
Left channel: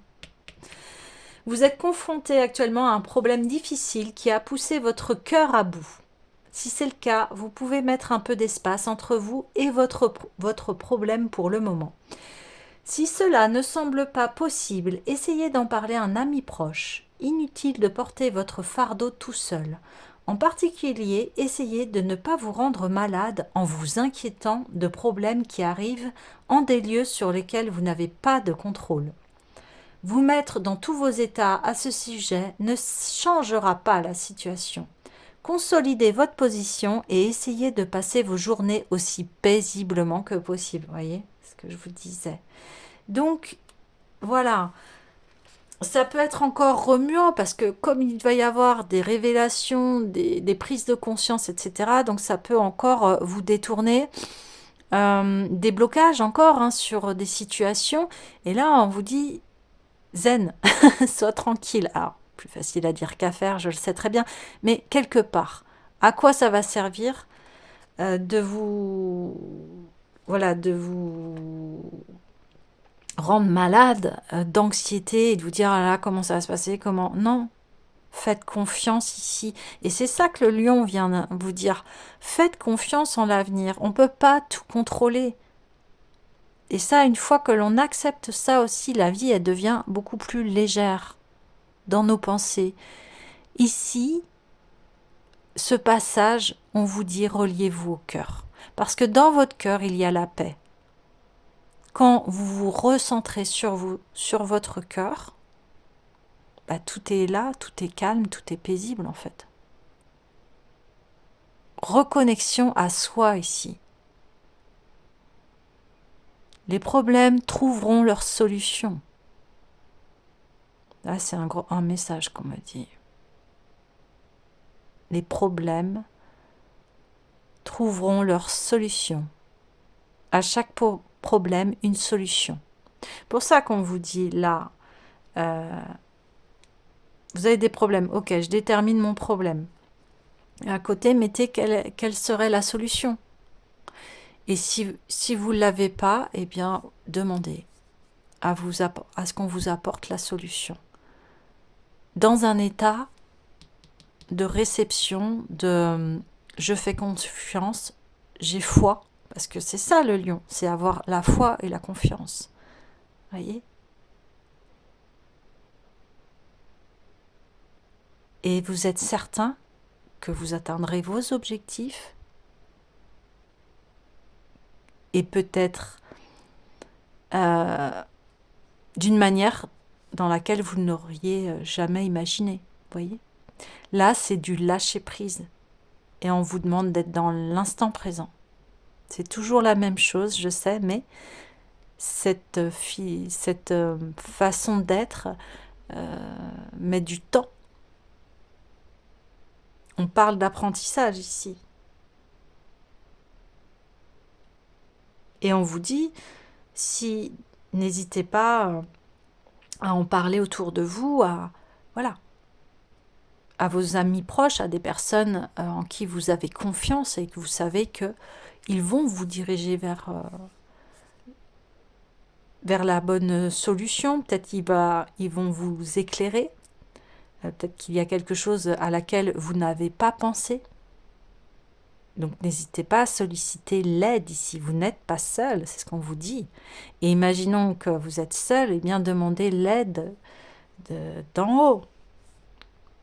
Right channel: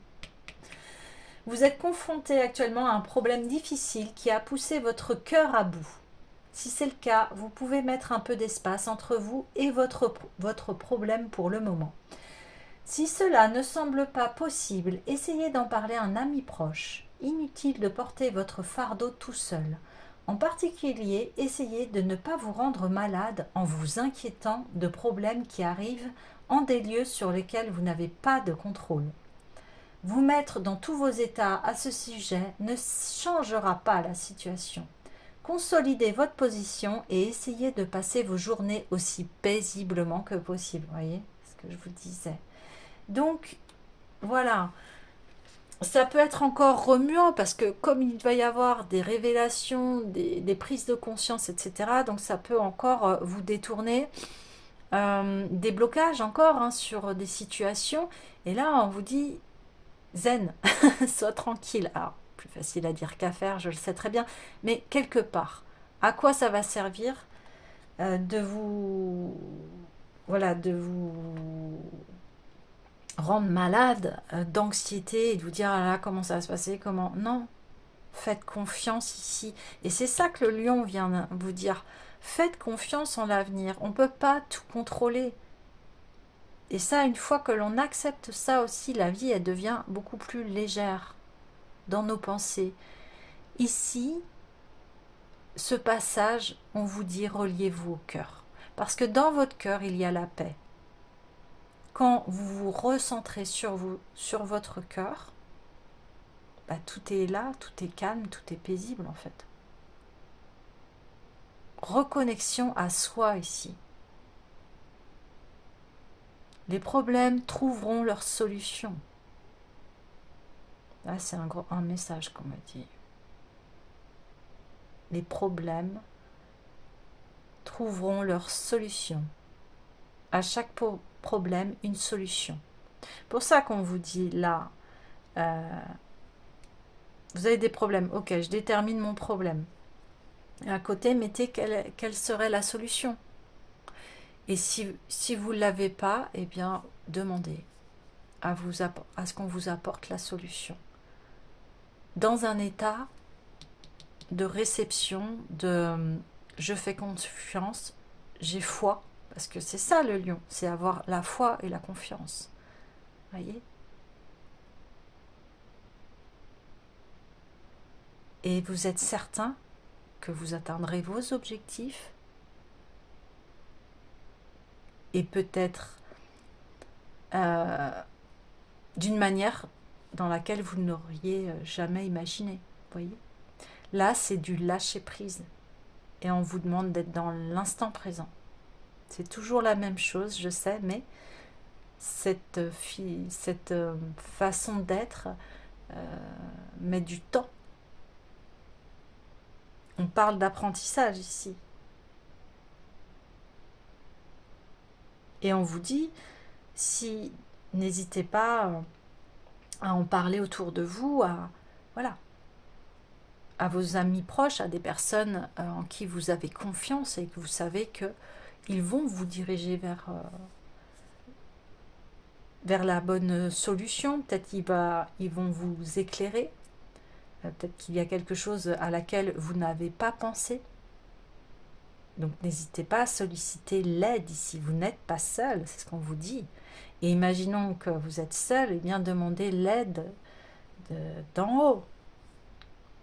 Vous êtes confronté actuellement à un problème difficile qui a poussé votre cœur à bout. Si c'est le cas, vous pouvez mettre un peu d'espace entre vous et votre problème pour le moment. Si cela ne semble pas possible, essayez d'en parler à un ami proche. Inutile de porter votre fardeau tout seul. En particulier, essayez de ne pas vous rendre malade en vous inquiétant de problèmes qui arrivent en des lieux sur lesquels vous n'avez pas de contrôle. Vous mettre dans tous vos états à ce sujet ne changera pas la situation. Consolidez votre position et essayez de passer vos journées aussi paisiblement que possible. Vous voyez ce que je vous disais. Donc, voilà. Ça peut être encore remuant parce que comme il va y avoir des révélations, des prises de conscience, etc., donc ça peut encore vous détourner, des blocages encore hein, sur des situations. Et là, on vous dit zen, sois tranquille. Alors, plus facile à dire qu'à faire, je le sais très bien, mais quelque part, à quoi ça va servir de vous, voilà, de vous rendre malade d'anxiété et de vous dire ah là comment ça va se passer, comment non, faites confiance ici. Et c'est ça que le lion vient vous dire. Faites confiance en l'avenir. On ne peut pas tout contrôler. Et ça, une fois que l'on accepte ça aussi, la vie, elle devient beaucoup plus légère dans nos pensées. Ici, ce passage, on vous dit reliez-vous au cœur. Parce que dans votre cœur, il y a la paix. Quand vous vous recentrez sur vous, sur votre cœur, bah, tout est là, tout est calme, tout est paisible en fait. Reconnexion à soi ici. Les problèmes trouveront leur solution. Là, c'est un message qu'on me dit. Les problèmes trouveront leur solution. À chaque problème, une solution. Pour ça qu'on vous dit là, vous avez des problèmes. Ok, je détermine mon problème. Et à côté, mettez quelle serait la solution. Et si vous ne l'avez pas, eh bien, demandez à ce qu'on vous apporte la solution. Dans un état de réception, de je fais confiance, j'ai foi, parce que c'est ça le lion, c'est avoir la foi et la confiance. Voyez ? Et vous êtes certain que vous atteindrez vos objectifs et peut-être d'une manière dans laquelle vous n'auriez jamais imaginé. Voyez ? Là, c'est du lâcher-prise. Et on vous demande d'être dans l'instant présent. C'est toujours la même chose, je sais, mais cette façon d'être met du temps. On parle d'apprentissage ici. Et on vous dit, si n'hésitez pas à en parler autour de vous, voilà, à vos amis proches, à des personnes en qui vous avez confiance et que vous savez qu'ils vont vous diriger vers la bonne solution. Peut-être ils vont vous éclairer. Peut-être qu'il y a quelque chose à laquelle vous n'avez pas pensé. Donc n'hésitez pas à solliciter l'aide ici. Vous n'êtes pas seul, c'est ce qu'on vous dit. Et imaginons que vous êtes seul, et bien demandez l'aide d'en haut.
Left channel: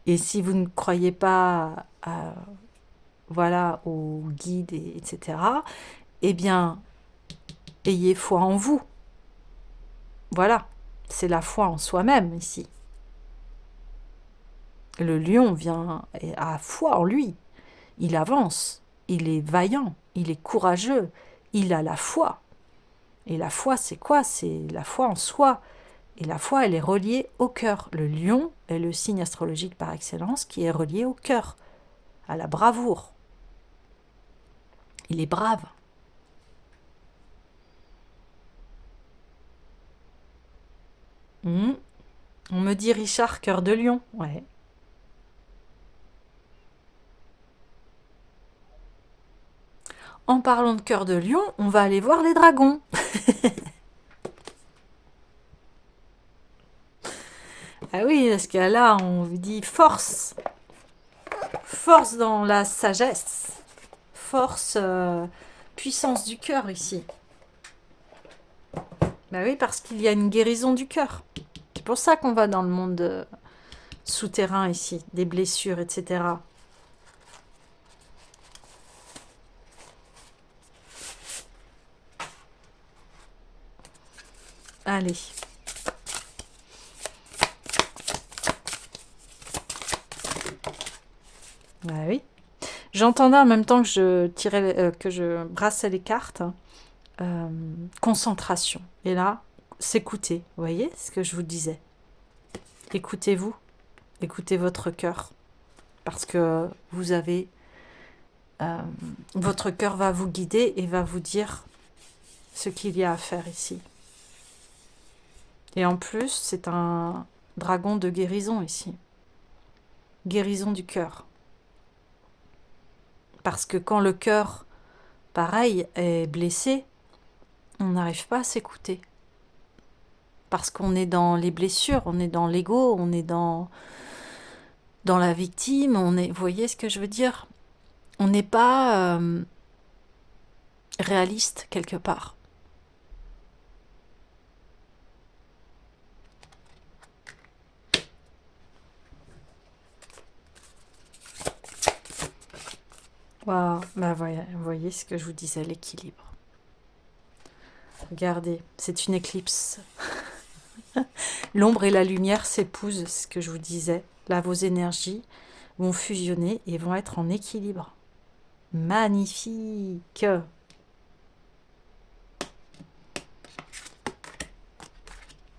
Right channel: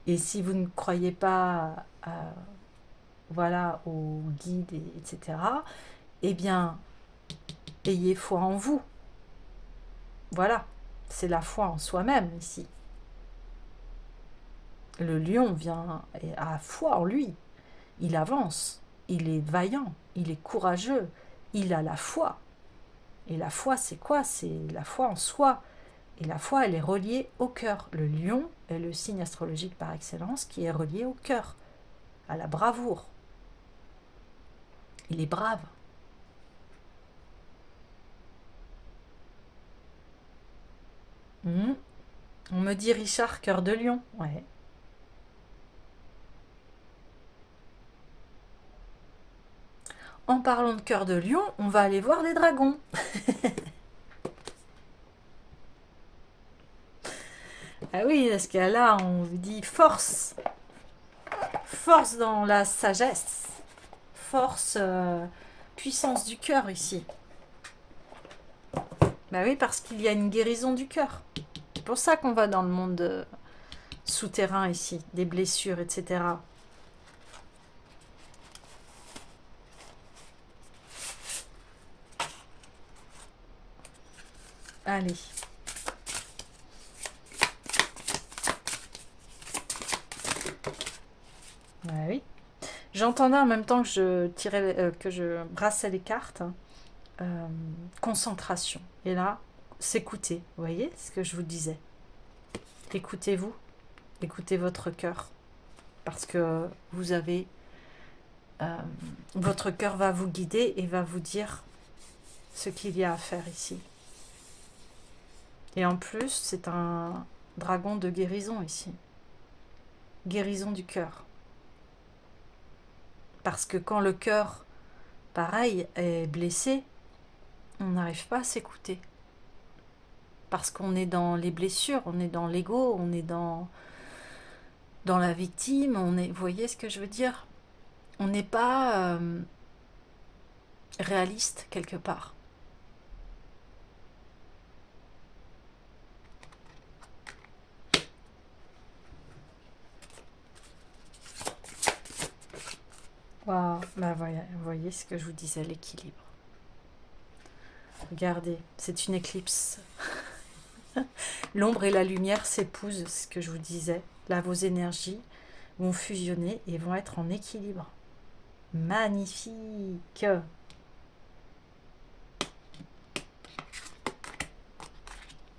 Et si vous ne croyez pas voilà, aux guides, etc., eh bien, ayez foi en vous. Voilà, c'est la foi en soi-même ici. Le lion vient à foi en lui. Il avance, il est vaillant, il est courageux, il a la foi. Et la foi, c'est quoi? C'est la foi en soi. Et la foi, elle est reliée au cœur. Le lion est le signe astrologique par excellence qui est relié au cœur, à la bravoure. Il est brave. On me dit Richard, cœur de lion. Ouais. En parlant de cœur de lion, on va aller voir les dragons. Ah oui, parce que là, on vous dit force. Force dans la sagesse. Force, puissance du cœur ici. Bah oui, parce qu'il y a une guérison du cœur. C'est pour ça qu'on va dans le monde souterrain ici, des blessures, etc. Allez. Ah oui. J'entendais en même temps que je tirais, que je brassais les cartes, euh, concentration. Et là, s'écouter. Vous voyez ce que je vous disais? Écoutez-vous, écoutez votre cœur, parce que vous avez, euh, votre cœur va vous guider et va vous dire ce qu'il y a à faire ici. Et en plus, c'est un dragon de guérison ici, guérison du cœur. Parce que quand le cœur, pareil, est blessé, on n'arrive pas à s'écouter. Parce qu'on est dans les blessures, on est dans l'ego, on est dans la victime, on est, vous voyez ce que je veux dire? On n'est pas réaliste quelque part. Wow. Ben vous voyez ce que je vous disais, l'équilibre. Regardez, c'est une éclipse. L'ombre et la lumière s'épousent, ce que je vous disais. Là, vos énergies vont fusionner et vont être en équilibre. Magnifique! Je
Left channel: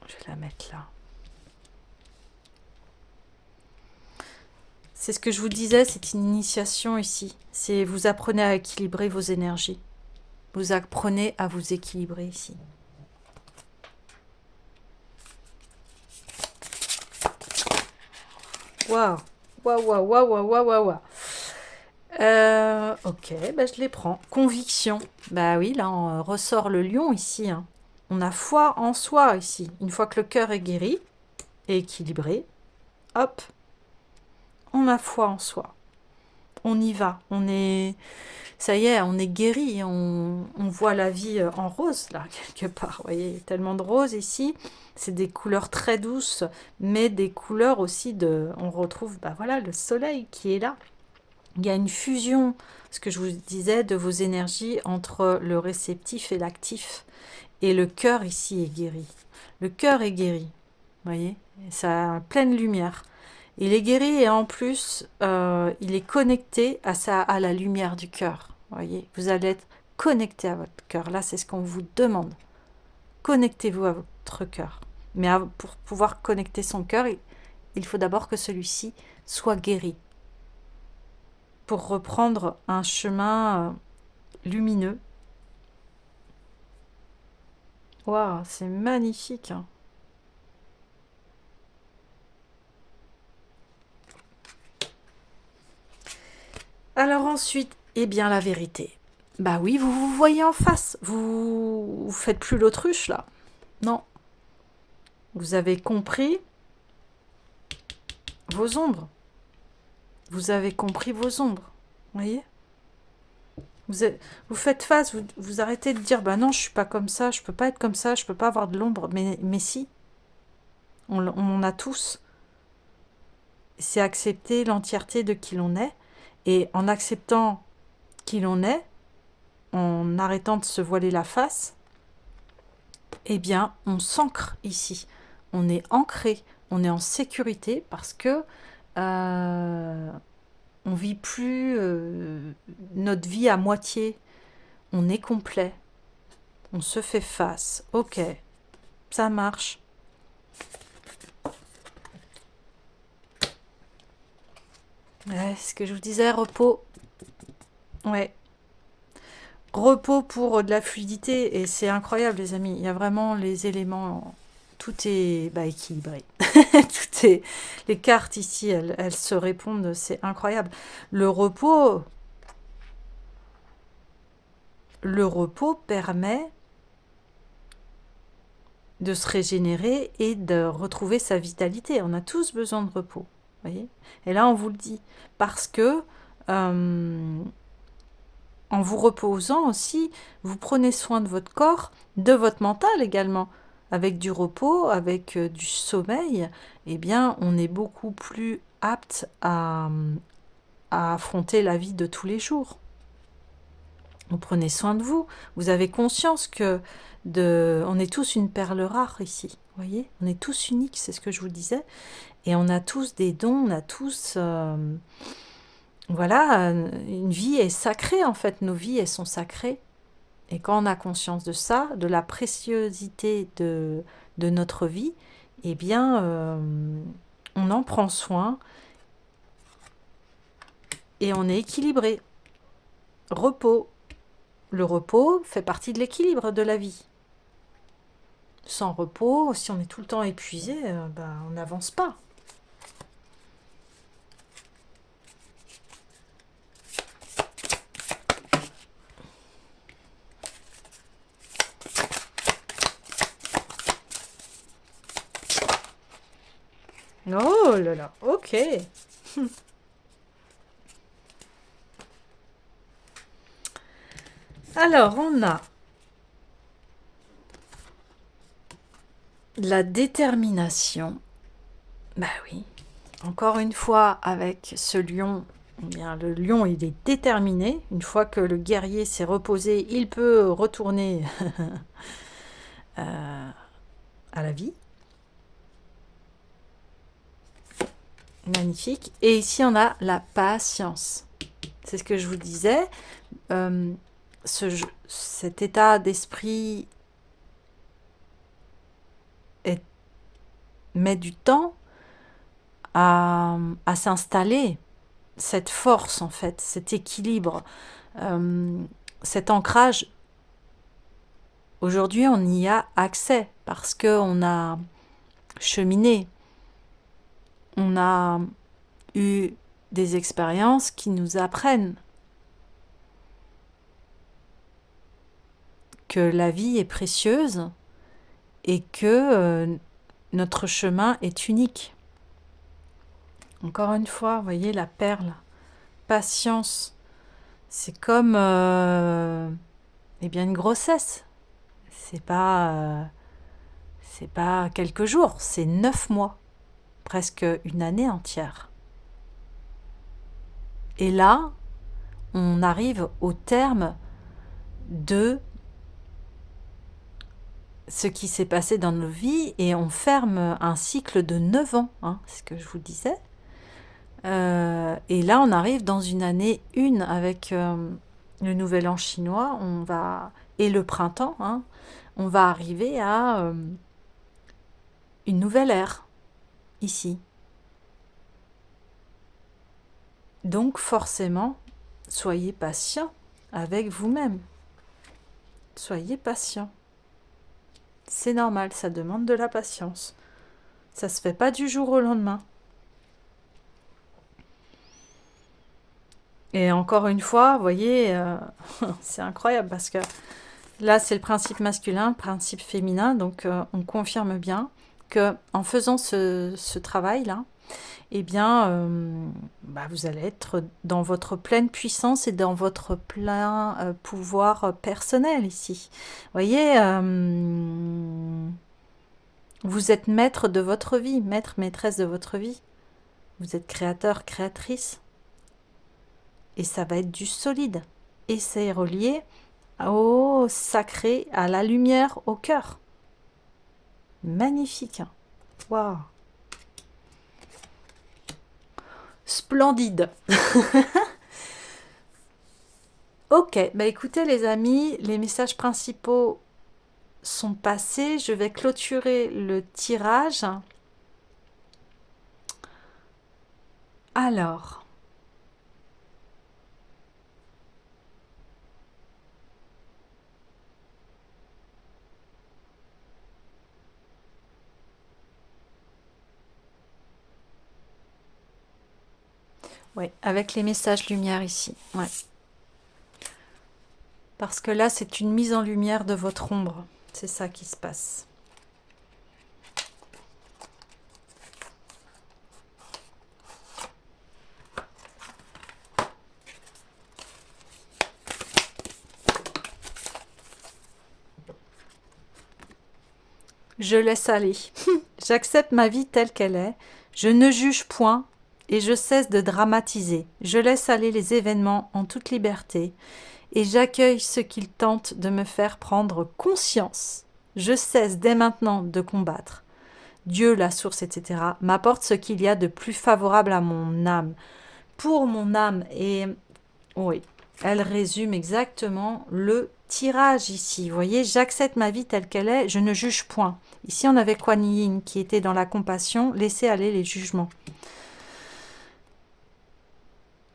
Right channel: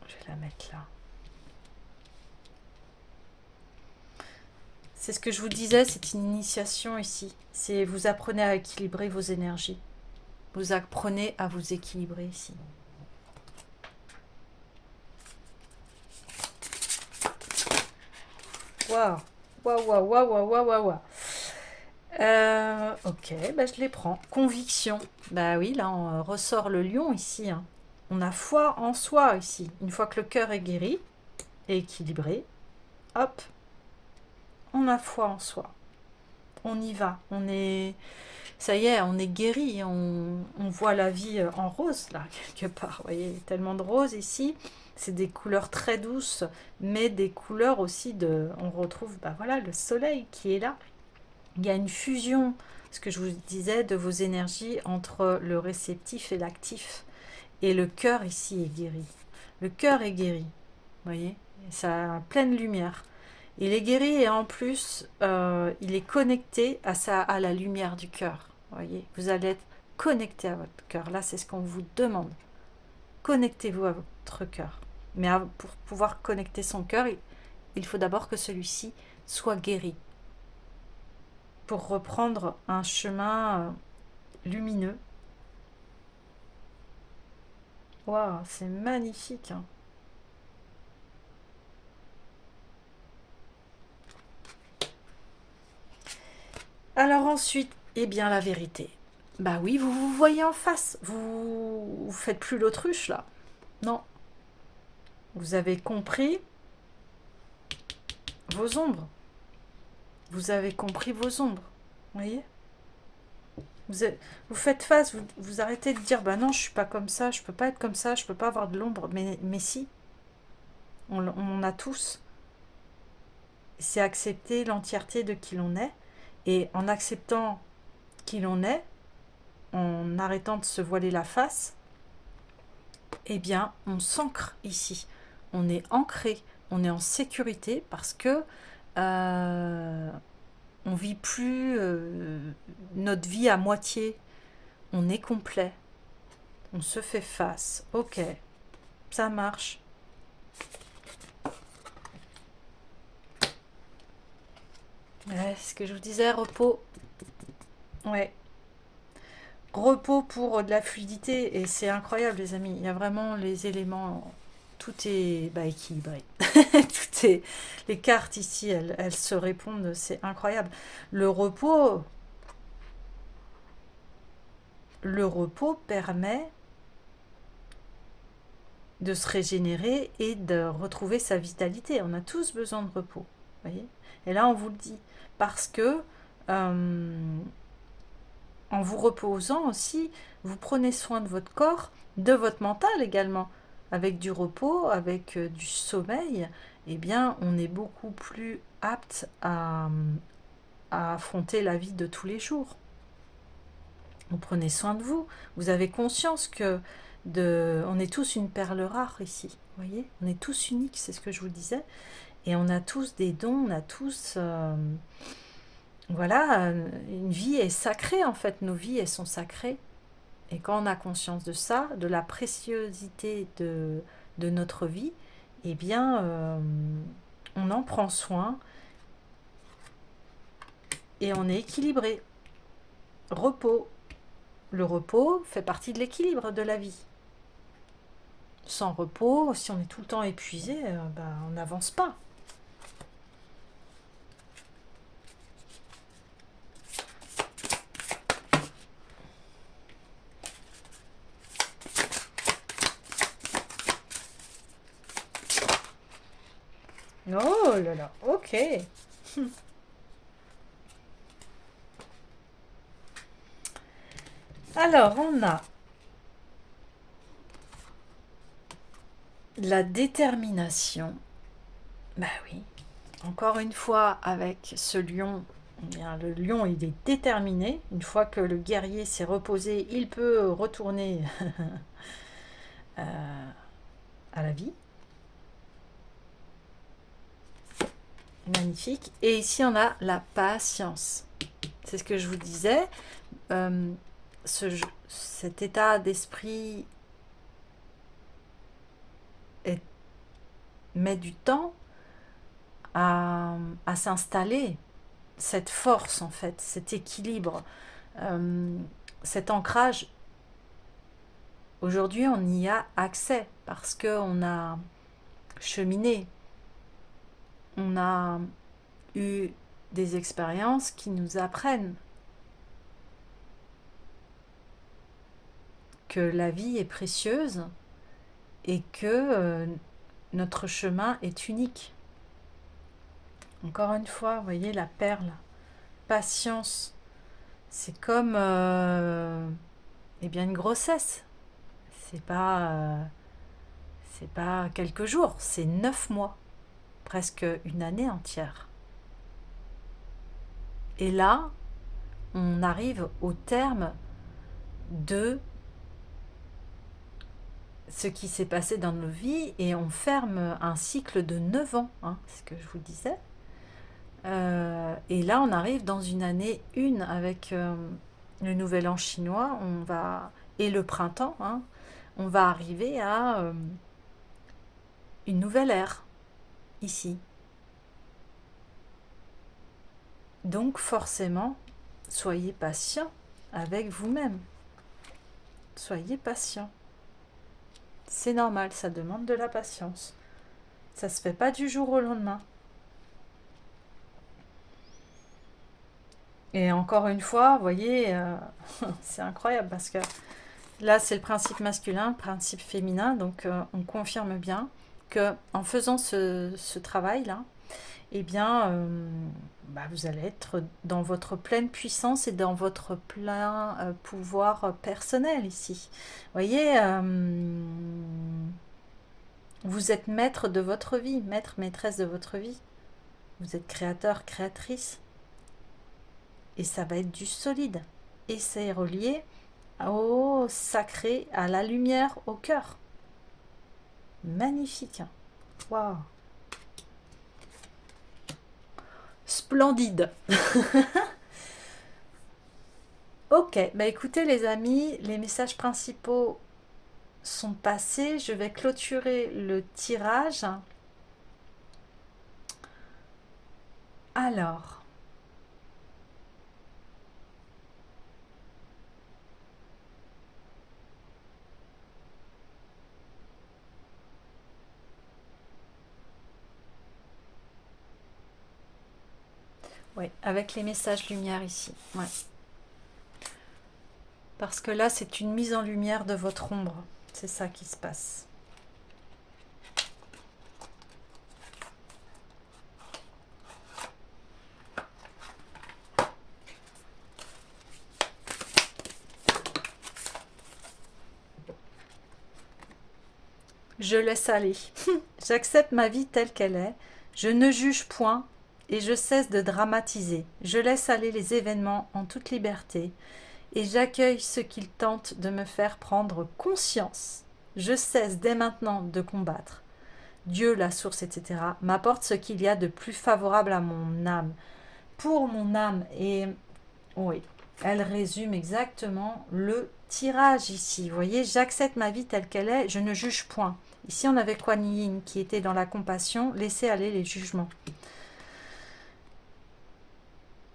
vais la mettre là. C'est ce que je vous disais, c'est une initiation ici. C'est vous apprenez à équilibrer vos énergies. Vous apprenez à vous équilibrer ici. Waouh! Waouh, waouh, waouh, waouh, waouh, waouh, waouh. Ok, bah je les prends. Conviction. Bah oui, là on ressort le lion ici, hein. On a foi en soi ici. Une fois que le cœur est guéri et équilibré, hop, on a foi en soi. On y va. On est, ça y est, on est guéri. On voit la vie en rose là quelque part. Vous voyez, il y a tellement de rose ici. C'est des couleurs très douces, mais des couleurs aussi de. On retrouve, bah voilà, le soleil qui est là. Il y a une fusion, ce que je vous disais, de vos énergies entre le réceptif et l'actif. Et le cœur ici est guéri. Le cœur est guéri. Vous voyez, ça a pleine lumière. Il est guéri et en plus, il est connecté à la lumière du cœur. Vous voyez, vous allez être connecté à votre cœur. Là, c'est ce qu'on vous demande. Connectez-vous à votre cœur. Mais pour pouvoir connecter son cœur, il faut d'abord que celui-ci soit guéri. Pour reprendre un chemin lumineux. Waouh, c'est magnifique, hein. Alors ensuite, eh bien la vérité. Bah oui, vous vous voyez en face. Vous faites plus l'autruche là. Non. Vous avez compris vos ombres. Vous avez compris vos ombres. Vous voyez, vous faites face, vous arrêtez de dire bah non, je suis pas comme ça, je peux pas être comme ça, je peux pas avoir de l'ombre. Mais si, on en a tous. C'est accepter l'entièreté de qui l'on est. Et en acceptant qui l'on est, en arrêtant de se voiler la face, eh bien, on s'ancre ici. On est ancré, on est en sécurité parce que on vit plus notre vie à moitié. On est complet. On se fait face. Ok, ça marche. Ouais, ce que je vous disais, repos. Ouais, repos pour de la fluidité et c'est incroyable les amis, il y a vraiment les éléments, tout est équilibré. Tout est, les cartes ici, elles se répondent, c'est incroyable. Le repos, le repos permet de se régénérer et de retrouver sa vitalité. On a tous besoin de repos, voyez. Et là on vous le dit parce que en vous reposant aussi, vous prenez soin de votre corps, de votre mental également. Avec du repos, avec du sommeil, eh bien, on est beaucoup plus apte à affronter la vie de tous les jours. Vous prenez soin de vous. Vous avez conscience que on est tous une perle rare ici. Vous voyez, on est tous uniques, c'est ce que je vous disais. Et on a tous des dons, on a tous Voilà, une vie est sacrée en fait, nos vies elles sont sacrées. Et quand on a conscience de ça, de la préciosité de notre vie, eh bien, on en prend soin et on est équilibré. Repos. Le repos fait partie de l'équilibre de la vie. Sans repos, si on est tout le temps épuisé, ben, on n'avance pas. Oh là là, ok. Alors, on a la détermination. Bah oui. Encore une fois, avec ce lion, eh bien, le lion, il est déterminé. Une fois que le guerrier s'est reposé, il peut retourner à la vie. Magnifique. Et ici, on a la patience. C'est ce que je vous disais. Cet état d'esprit met du temps à s'installer. Cette force, en fait, cet équilibre, cet ancrage. Aujourd'hui, on y a accès parce qu'on a cheminé. On a eu des expériences qui nous apprennent que la vie est précieuse et que notre chemin est unique. Encore une fois, vous voyez la perle, patience, c'est comme eh bien une grossesse. C'est pas quelques jours, c'est 9 mois, presque une année entière. Et là, on arrive au terme de ce qui s'est passé dans nos vies et on ferme un cycle de 9 ans, hein, c'est ce que je vous disais. Et là, on arrive dans une année 1 avec le nouvel an chinois, et le printemps, hein, on va arriver à une nouvelle ère ici. Donc forcément, soyez patient avec vous-même. Soyez patient. C'est normal, ça demande de la patience. Ça se fait pas du jour au lendemain. Et encore une fois, vous voyez, c'est incroyable parce que là, c'est le principe masculin, principe féminin, donc on confirme bien que en faisant ce travail-là, eh bien, vous allez être dans votre pleine puissance et dans votre plein pouvoir personnel ici. Vous voyez, vous êtes maître de votre vie, maître, maîtresse de votre vie. Vous êtes créateur, créatrice. Et ça va être du solide. Et c'est relié au sacré, à la lumière, au cœur. Magnifique. Waouh. Splendide. Ok, écoutez les amis, les messages principaux sont passés. Je vais clôturer le tirage. Alors, oui, avec les messages lumière ici. Ouais. Parce que là, c'est une mise en lumière de votre ombre. C'est ça qui se passe. Je laisse aller. J'accepte ma vie telle qu'elle est. Je ne juge point et je cesse de dramatiser. Je laisse aller les événements en toute liberté et j'accueille ce qu'ils tentent de me faire prendre conscience. Je cesse dès maintenant de combattre. Dieu, la source, etc., m'apporte ce qu'il y a de plus favorable à mon âme. pour mon âme. Et oui, elle résume exactement le tirage ici. Vous voyez, j'accepte ma vie telle qu'elle est, je ne juge point. Ici, on avait Kuan Yin qui était dans la compassion, laisser aller les jugements.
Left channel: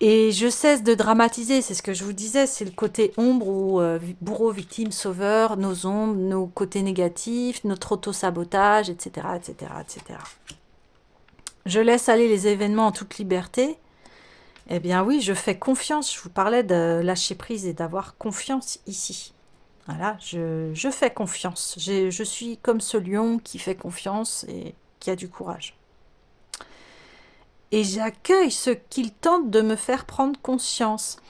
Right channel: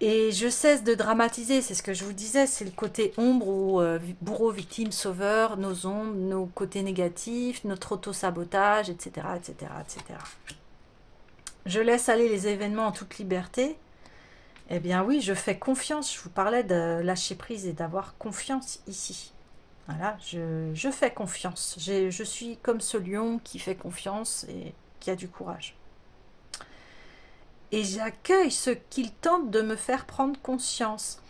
Et je cesse de dramatiser, c'est ce que je vous disais, c'est le côté ombre ou bourreau, victime, sauveur, nos ombres, nos côtés négatifs, notre auto-sabotage, etc., etc., etc. Je laisse aller les événements en toute liberté. Eh bien oui, je fais confiance. Je vous parlais de lâcher prise et d'avoir confiance ici. Voilà, je fais confiance. Je suis comme ce lion qui fait confiance et qui a du courage. Et j'accueille ce qu'il tente de me faire prendre conscience.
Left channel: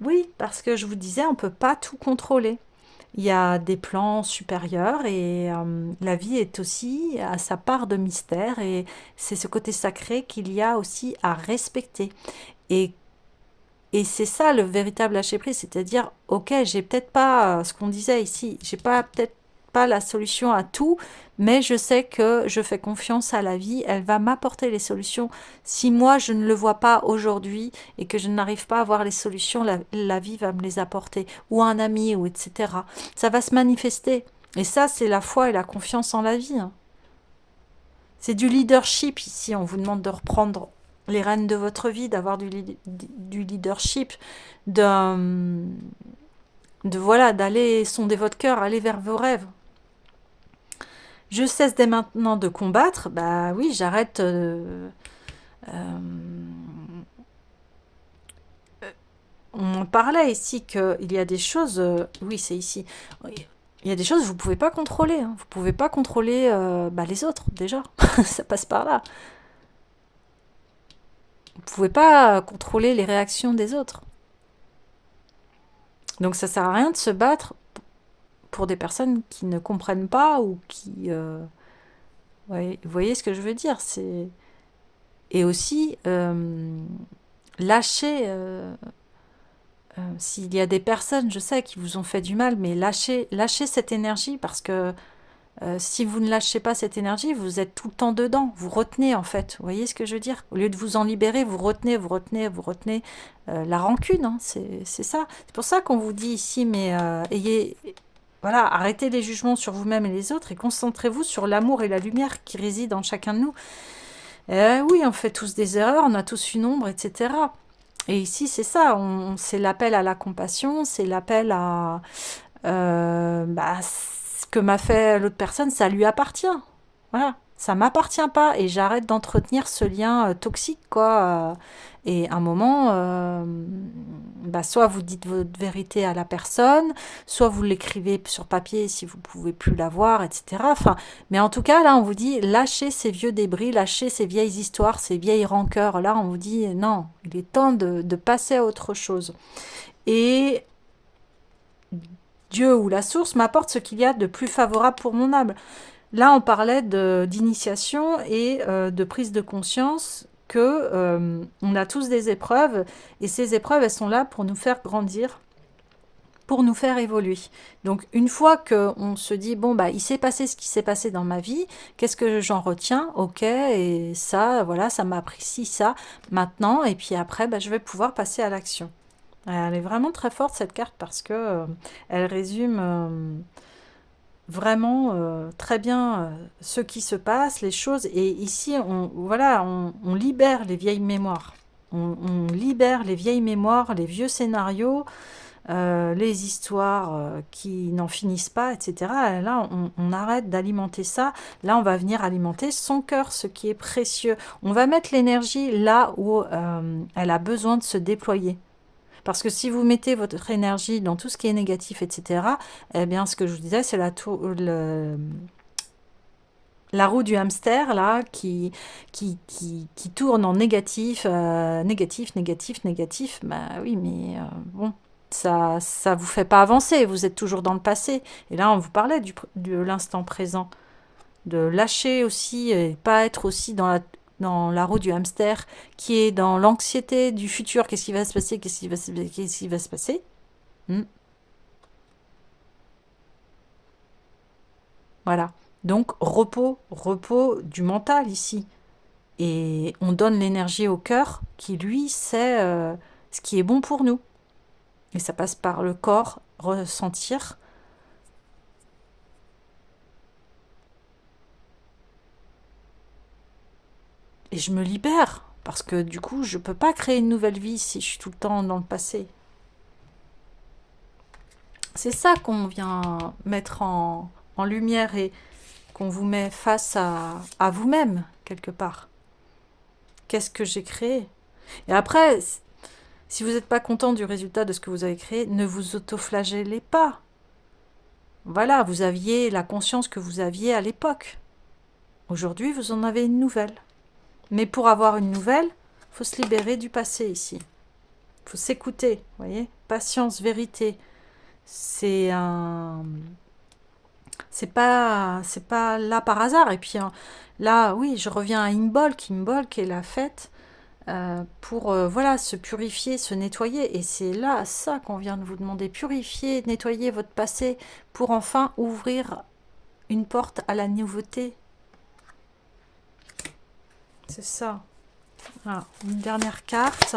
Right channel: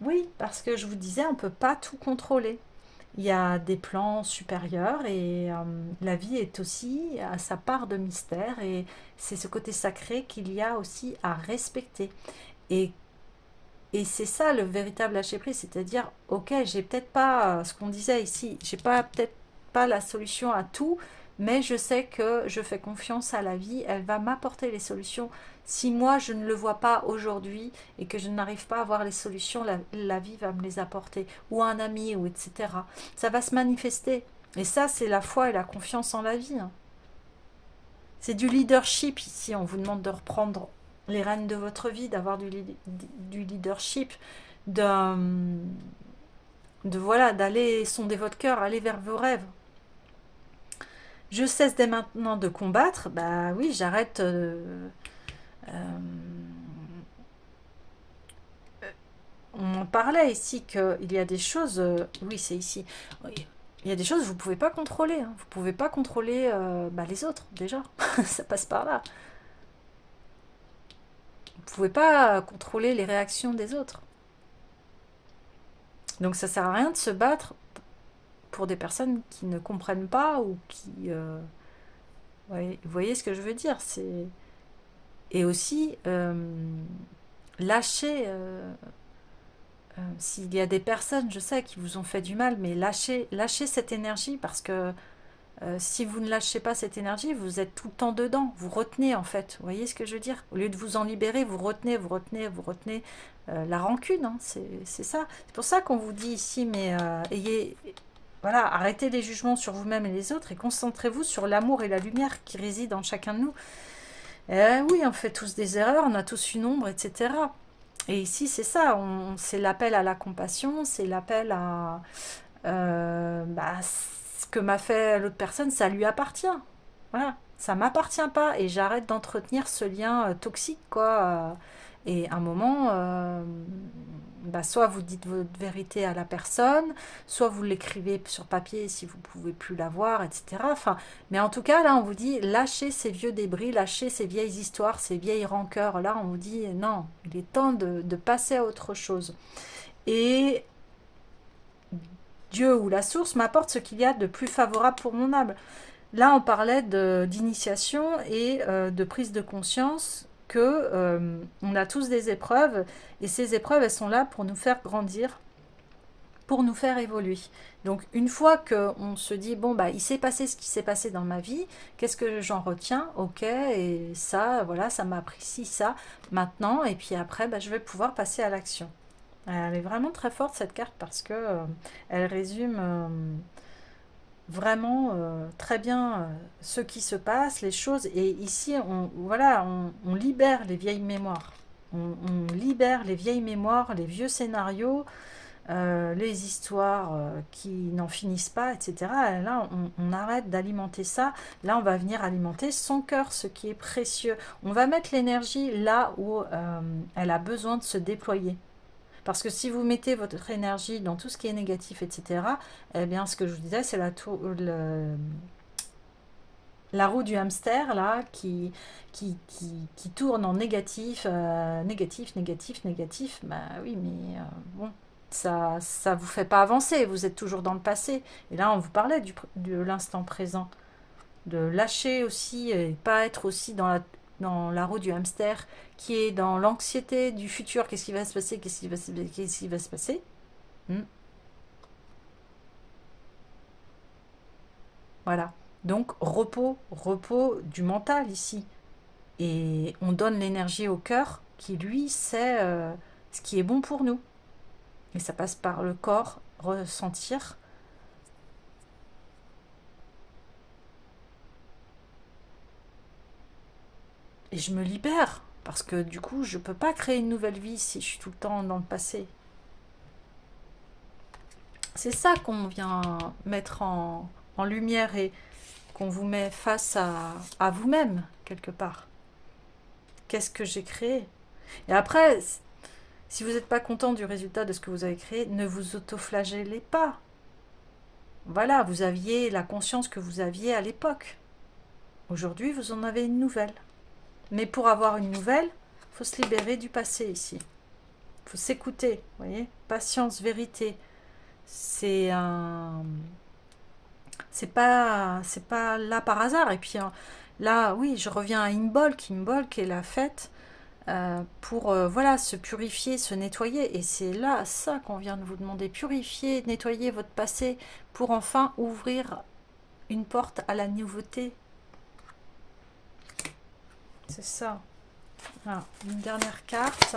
Oui, parce que je vous disais, on ne peut pas tout contrôler. Il y a des plans supérieurs et la vie est aussi à sa part de mystère et c'est ce côté sacré qu'il y a aussi à respecter. Et, et c'est ça le véritable lâcher prise, c'est-à-dire, ok, j'ai peut-être pas ce qu'on disait ici, j'ai pas peut-être pas la solution à tout, mais je sais que je fais confiance à la vie, elle va m'apporter les solutions. Si moi je ne le vois pas aujourd'hui et que je n'arrive pas à voir les solutions, la vie va me les apporter, ou un ami, ou etc. Ça va se manifester. Et ça, c'est la foi et la confiance en la vie, hein. C'est du leadership ici, on vous demande de reprendre les rênes de votre vie, d'avoir du leadership, de, voilà, d'aller sonder votre cœur, aller vers vos rêves. Je cesse dès maintenant de combattre, bah oui, j'arrête. Euh, on en parlait ici qu'il y a des choses, oui, c'est ici. Il y a des choses que vous ne pouvez pas contrôler, hein. Vous ne pouvez pas contrôler les autres, déjà. Ça passe par là. Vous ne pouvez pas contrôler les réactions des autres. Donc ça sert à rien de se battre pour des personnes qui ne comprennent pas ou qui... ouais, vous voyez ce que je veux dire, c'est... Et aussi, lâcher... s'il y a des personnes, je sais, qui vous ont fait du mal, mais lâchez cette énergie parce que si vous ne lâchez pas cette énergie, vous êtes tout le temps dedans. Vous retenez, en fait. Vous voyez ce que je veux dire? Au lieu de vous en libérer, vous retenez, vous retenez, vous retenez. La rancune, hein, c'est ça. C'est pour ça qu'on vous dit ici, mais voilà, arrêtez les jugements sur vous-même et les autres et concentrez-vous sur l'amour et la lumière qui résident en chacun de nous. Oui, on fait tous des erreurs, on a tous une ombre, etc. Et ici, c'est ça, c'est l'appel à la compassion, c'est l'appel à... ce que m'a fait l'autre personne, ça lui appartient. Voilà, ça m'appartient pas et j'arrête d'entretenir ce lien toxique, quoi. Et à un moment, soit vous dites votre vérité à la personne, soit vous l'écrivez sur papier si vous pouvez plus la voir, etc. Enfin, mais en tout cas, là, on vous dit lâchez ces vieux débris, lâchez ces vieilles histoires, ces vieilles rancœurs. Là, on vous dit non, il est temps de passer à autre chose. Et Dieu ou la source m'apporte ce qu'il y a de plus favorable pour mon âme. Là, on parlait d'initiation et de prise de conscience que on a tous des épreuves et ces épreuves, elles sont là pour nous faire grandir, pour nous faire évoluer. Donc, une fois qu'on se dit, bon, bah, il s'est passé ce qui s'est passé dans ma vie, qu'est-ce que j'en retiens? Ok, et ça, voilà, ça m'a appris ci, ça, maintenant, et puis après, bah, je vais pouvoir passer à l'action. Elle est vraiment très forte, cette carte, parce que elle résume vraiment très bien ce qui se passe, les choses. Et ici, voilà, on libère les vieilles mémoires. On libère les vieilles mémoires, les vieux scénarios, les histoires qui n'en finissent pas, etc. Et là, on arrête d'alimenter ça. Là, on va venir alimenter son cœur, ce qui est précieux. On va mettre l'énergie là où elle a besoin de se déployer. Parce que si vous mettez votre énergie dans tout ce qui est négatif, etc., eh bien, ce que je vous disais, c'est la roue du hamster, là, qui tourne en négatif, négatif, négatif, négatif. Bah oui, mais bon, ça vous fait pas avancer, vous êtes toujours dans le passé. Et là, on vous parlait de l'instant présent, de lâcher aussi, et pas être aussi dans la roue du hamster, qui est dans l'anxiété du futur, qu'est-ce qui va se passer, qu'est-ce qui va se passer. Hmm. Voilà. Donc, repos du mental ici. Et on donne l'énergie au cœur qui, lui, sait ce qui est bon pour nous. Et ça passe par le corps, ressentir. Et je me libère. Parce que du coup, je ne peux pas créer une nouvelle vie si je suis tout le temps dans le passé. C'est ça qu'on vient mettre en lumière et qu'on vous met face à vous-même, quelque part. Qu'est-ce que j'ai créé? Et après, si vous n'êtes pas content du résultat de ce que vous avez créé, ne vous autoflagellez pas. Voilà, vous aviez la conscience que vous aviez à l'époque. Aujourd'hui, vous en avez une nouvelle. Mais pour avoir une nouvelle, il faut se libérer du passé ici. Il faut s'écouter, vous voyez? Patience, vérité. C'est pas là par hasard. Et puis là, oui, je reviens à Imbolc. Imbolc est la fête pour voilà, se purifier, se nettoyer. Et c'est là ça qu'on vient de vous demander. Purifier, nettoyer votre passé pour enfin ouvrir une porte à la nouveauté. C'est ça. Voilà, une dernière carte.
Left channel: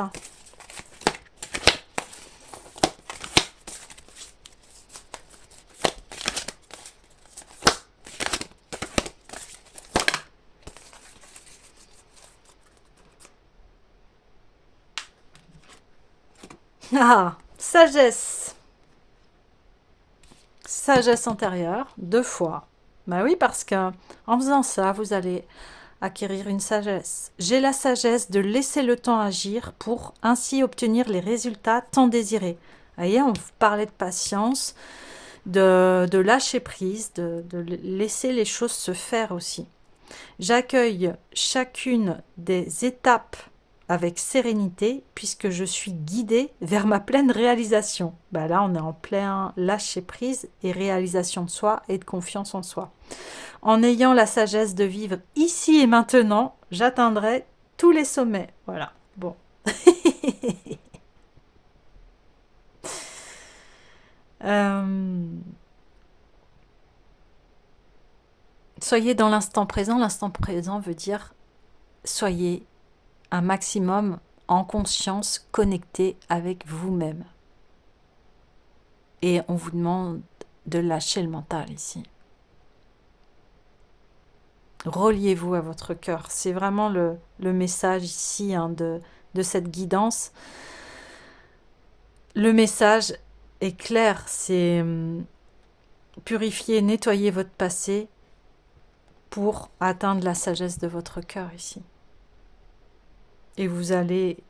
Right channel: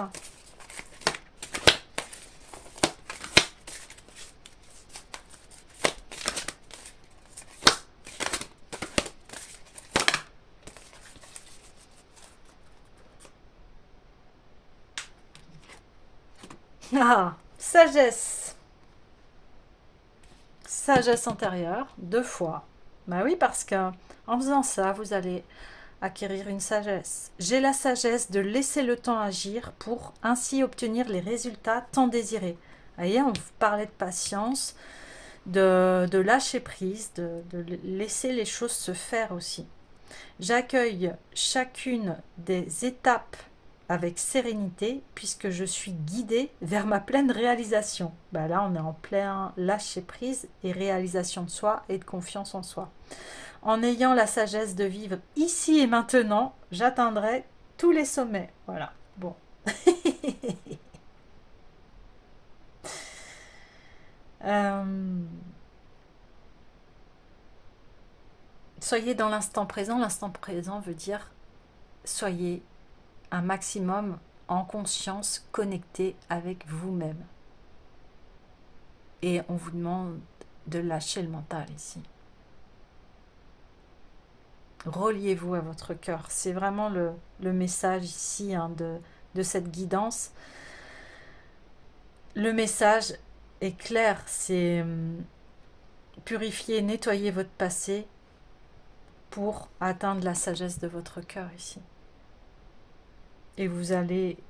Ah, sagesse. Sagesse intérieure, 2 fois. Bah oui, parce que en faisant ça, vous allez acquérir une sagesse. J'ai la sagesse de laisser le temps agir pour ainsi obtenir les résultats tant désirés. Vous voyez, on parlait de patience, de lâcher prise, de laisser les choses se faire aussi. J'accueille chacune des étapes avec sérénité puisque je suis guidée vers ma pleine réalisation. Bah là, on est en plein lâcher prise et réalisation de soi et de confiance en soi. En ayant la sagesse de vivre ici et maintenant, j'atteindrai tous les sommets. Voilà. Bon. Soyez dans l'instant présent. L'instant présent veut dire soyez un maximum en conscience, connecté avec vous-même. Et on vous demande de lâcher le mental ici. Reliez-vous à votre cœur. C'est vraiment le message ici de cette guidance. Le message est clair, c'est purifier, nettoyer votre passé pour atteindre la sagesse de votre cœur ici. Et vous allez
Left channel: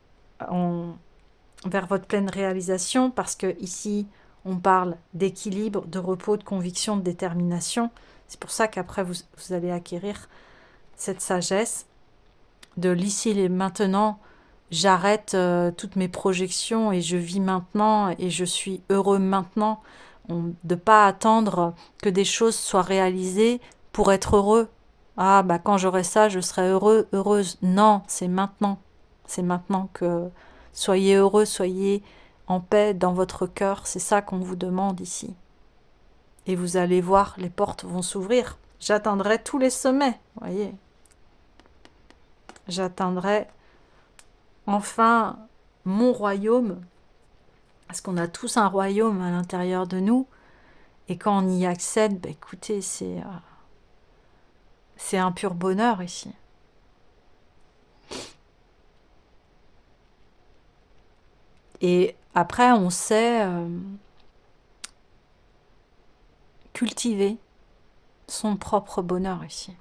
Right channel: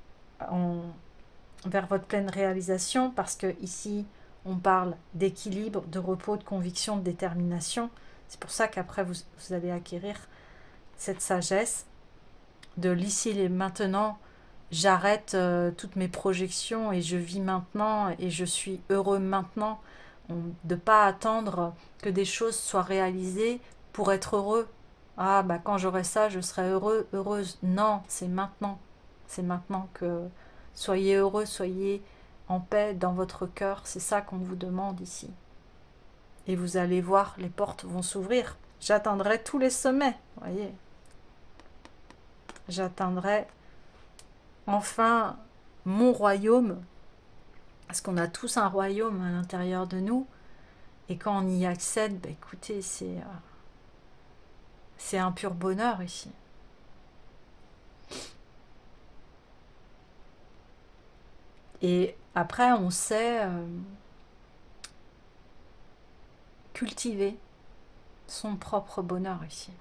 vers votre pleine réalisation parce que ici, on parle d'équilibre, de repos, de conviction, de détermination. C'est pour ça qu'après, vous allez acquérir cette sagesse de l'ici et maintenant. J'arrête toutes mes projections et je vis maintenant et je suis heureux maintenant. De ne pas attendre que des choses soient réalisées pour être heureux. Ah, bah quand j'aurai ça, je serai heureux, heureuse. Non, c'est maintenant. C'est maintenant que soyez heureux, soyez en paix dans votre cœur. C'est ça qu'on vous demande ici. Et vous allez voir, les portes vont s'ouvrir. J'atteindrai tous les sommets, voyez. J'atteindrai enfin mon royaume, parce qu'on a tous un royaume à l'intérieur de nous, et quand on y accède, bah écoutez, c'est un pur bonheur ici. Et après, on sait cultiver son propre bonheur ici.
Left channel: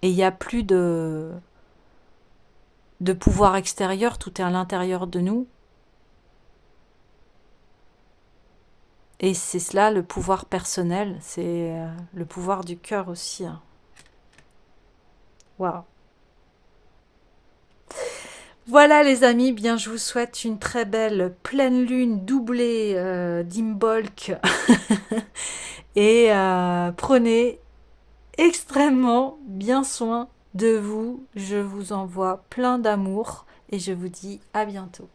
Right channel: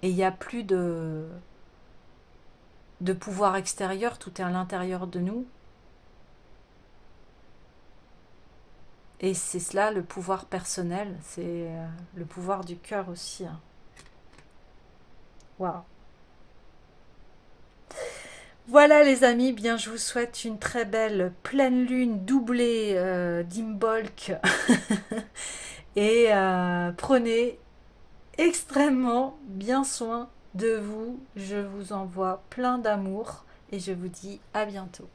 Et il n'y a plus de pouvoir extérieur, tout est à l'intérieur de nous. Et c'est cela le pouvoir personnel, c'est le pouvoir du cœur aussi. Waouh. Voilà les amis, bien je vous souhaite une très belle pleine lune doublée d'Imbolc. Et prenez extrêmement bien soin de vous. Je vous envoie plein d'amour et je vous dis à bientôt.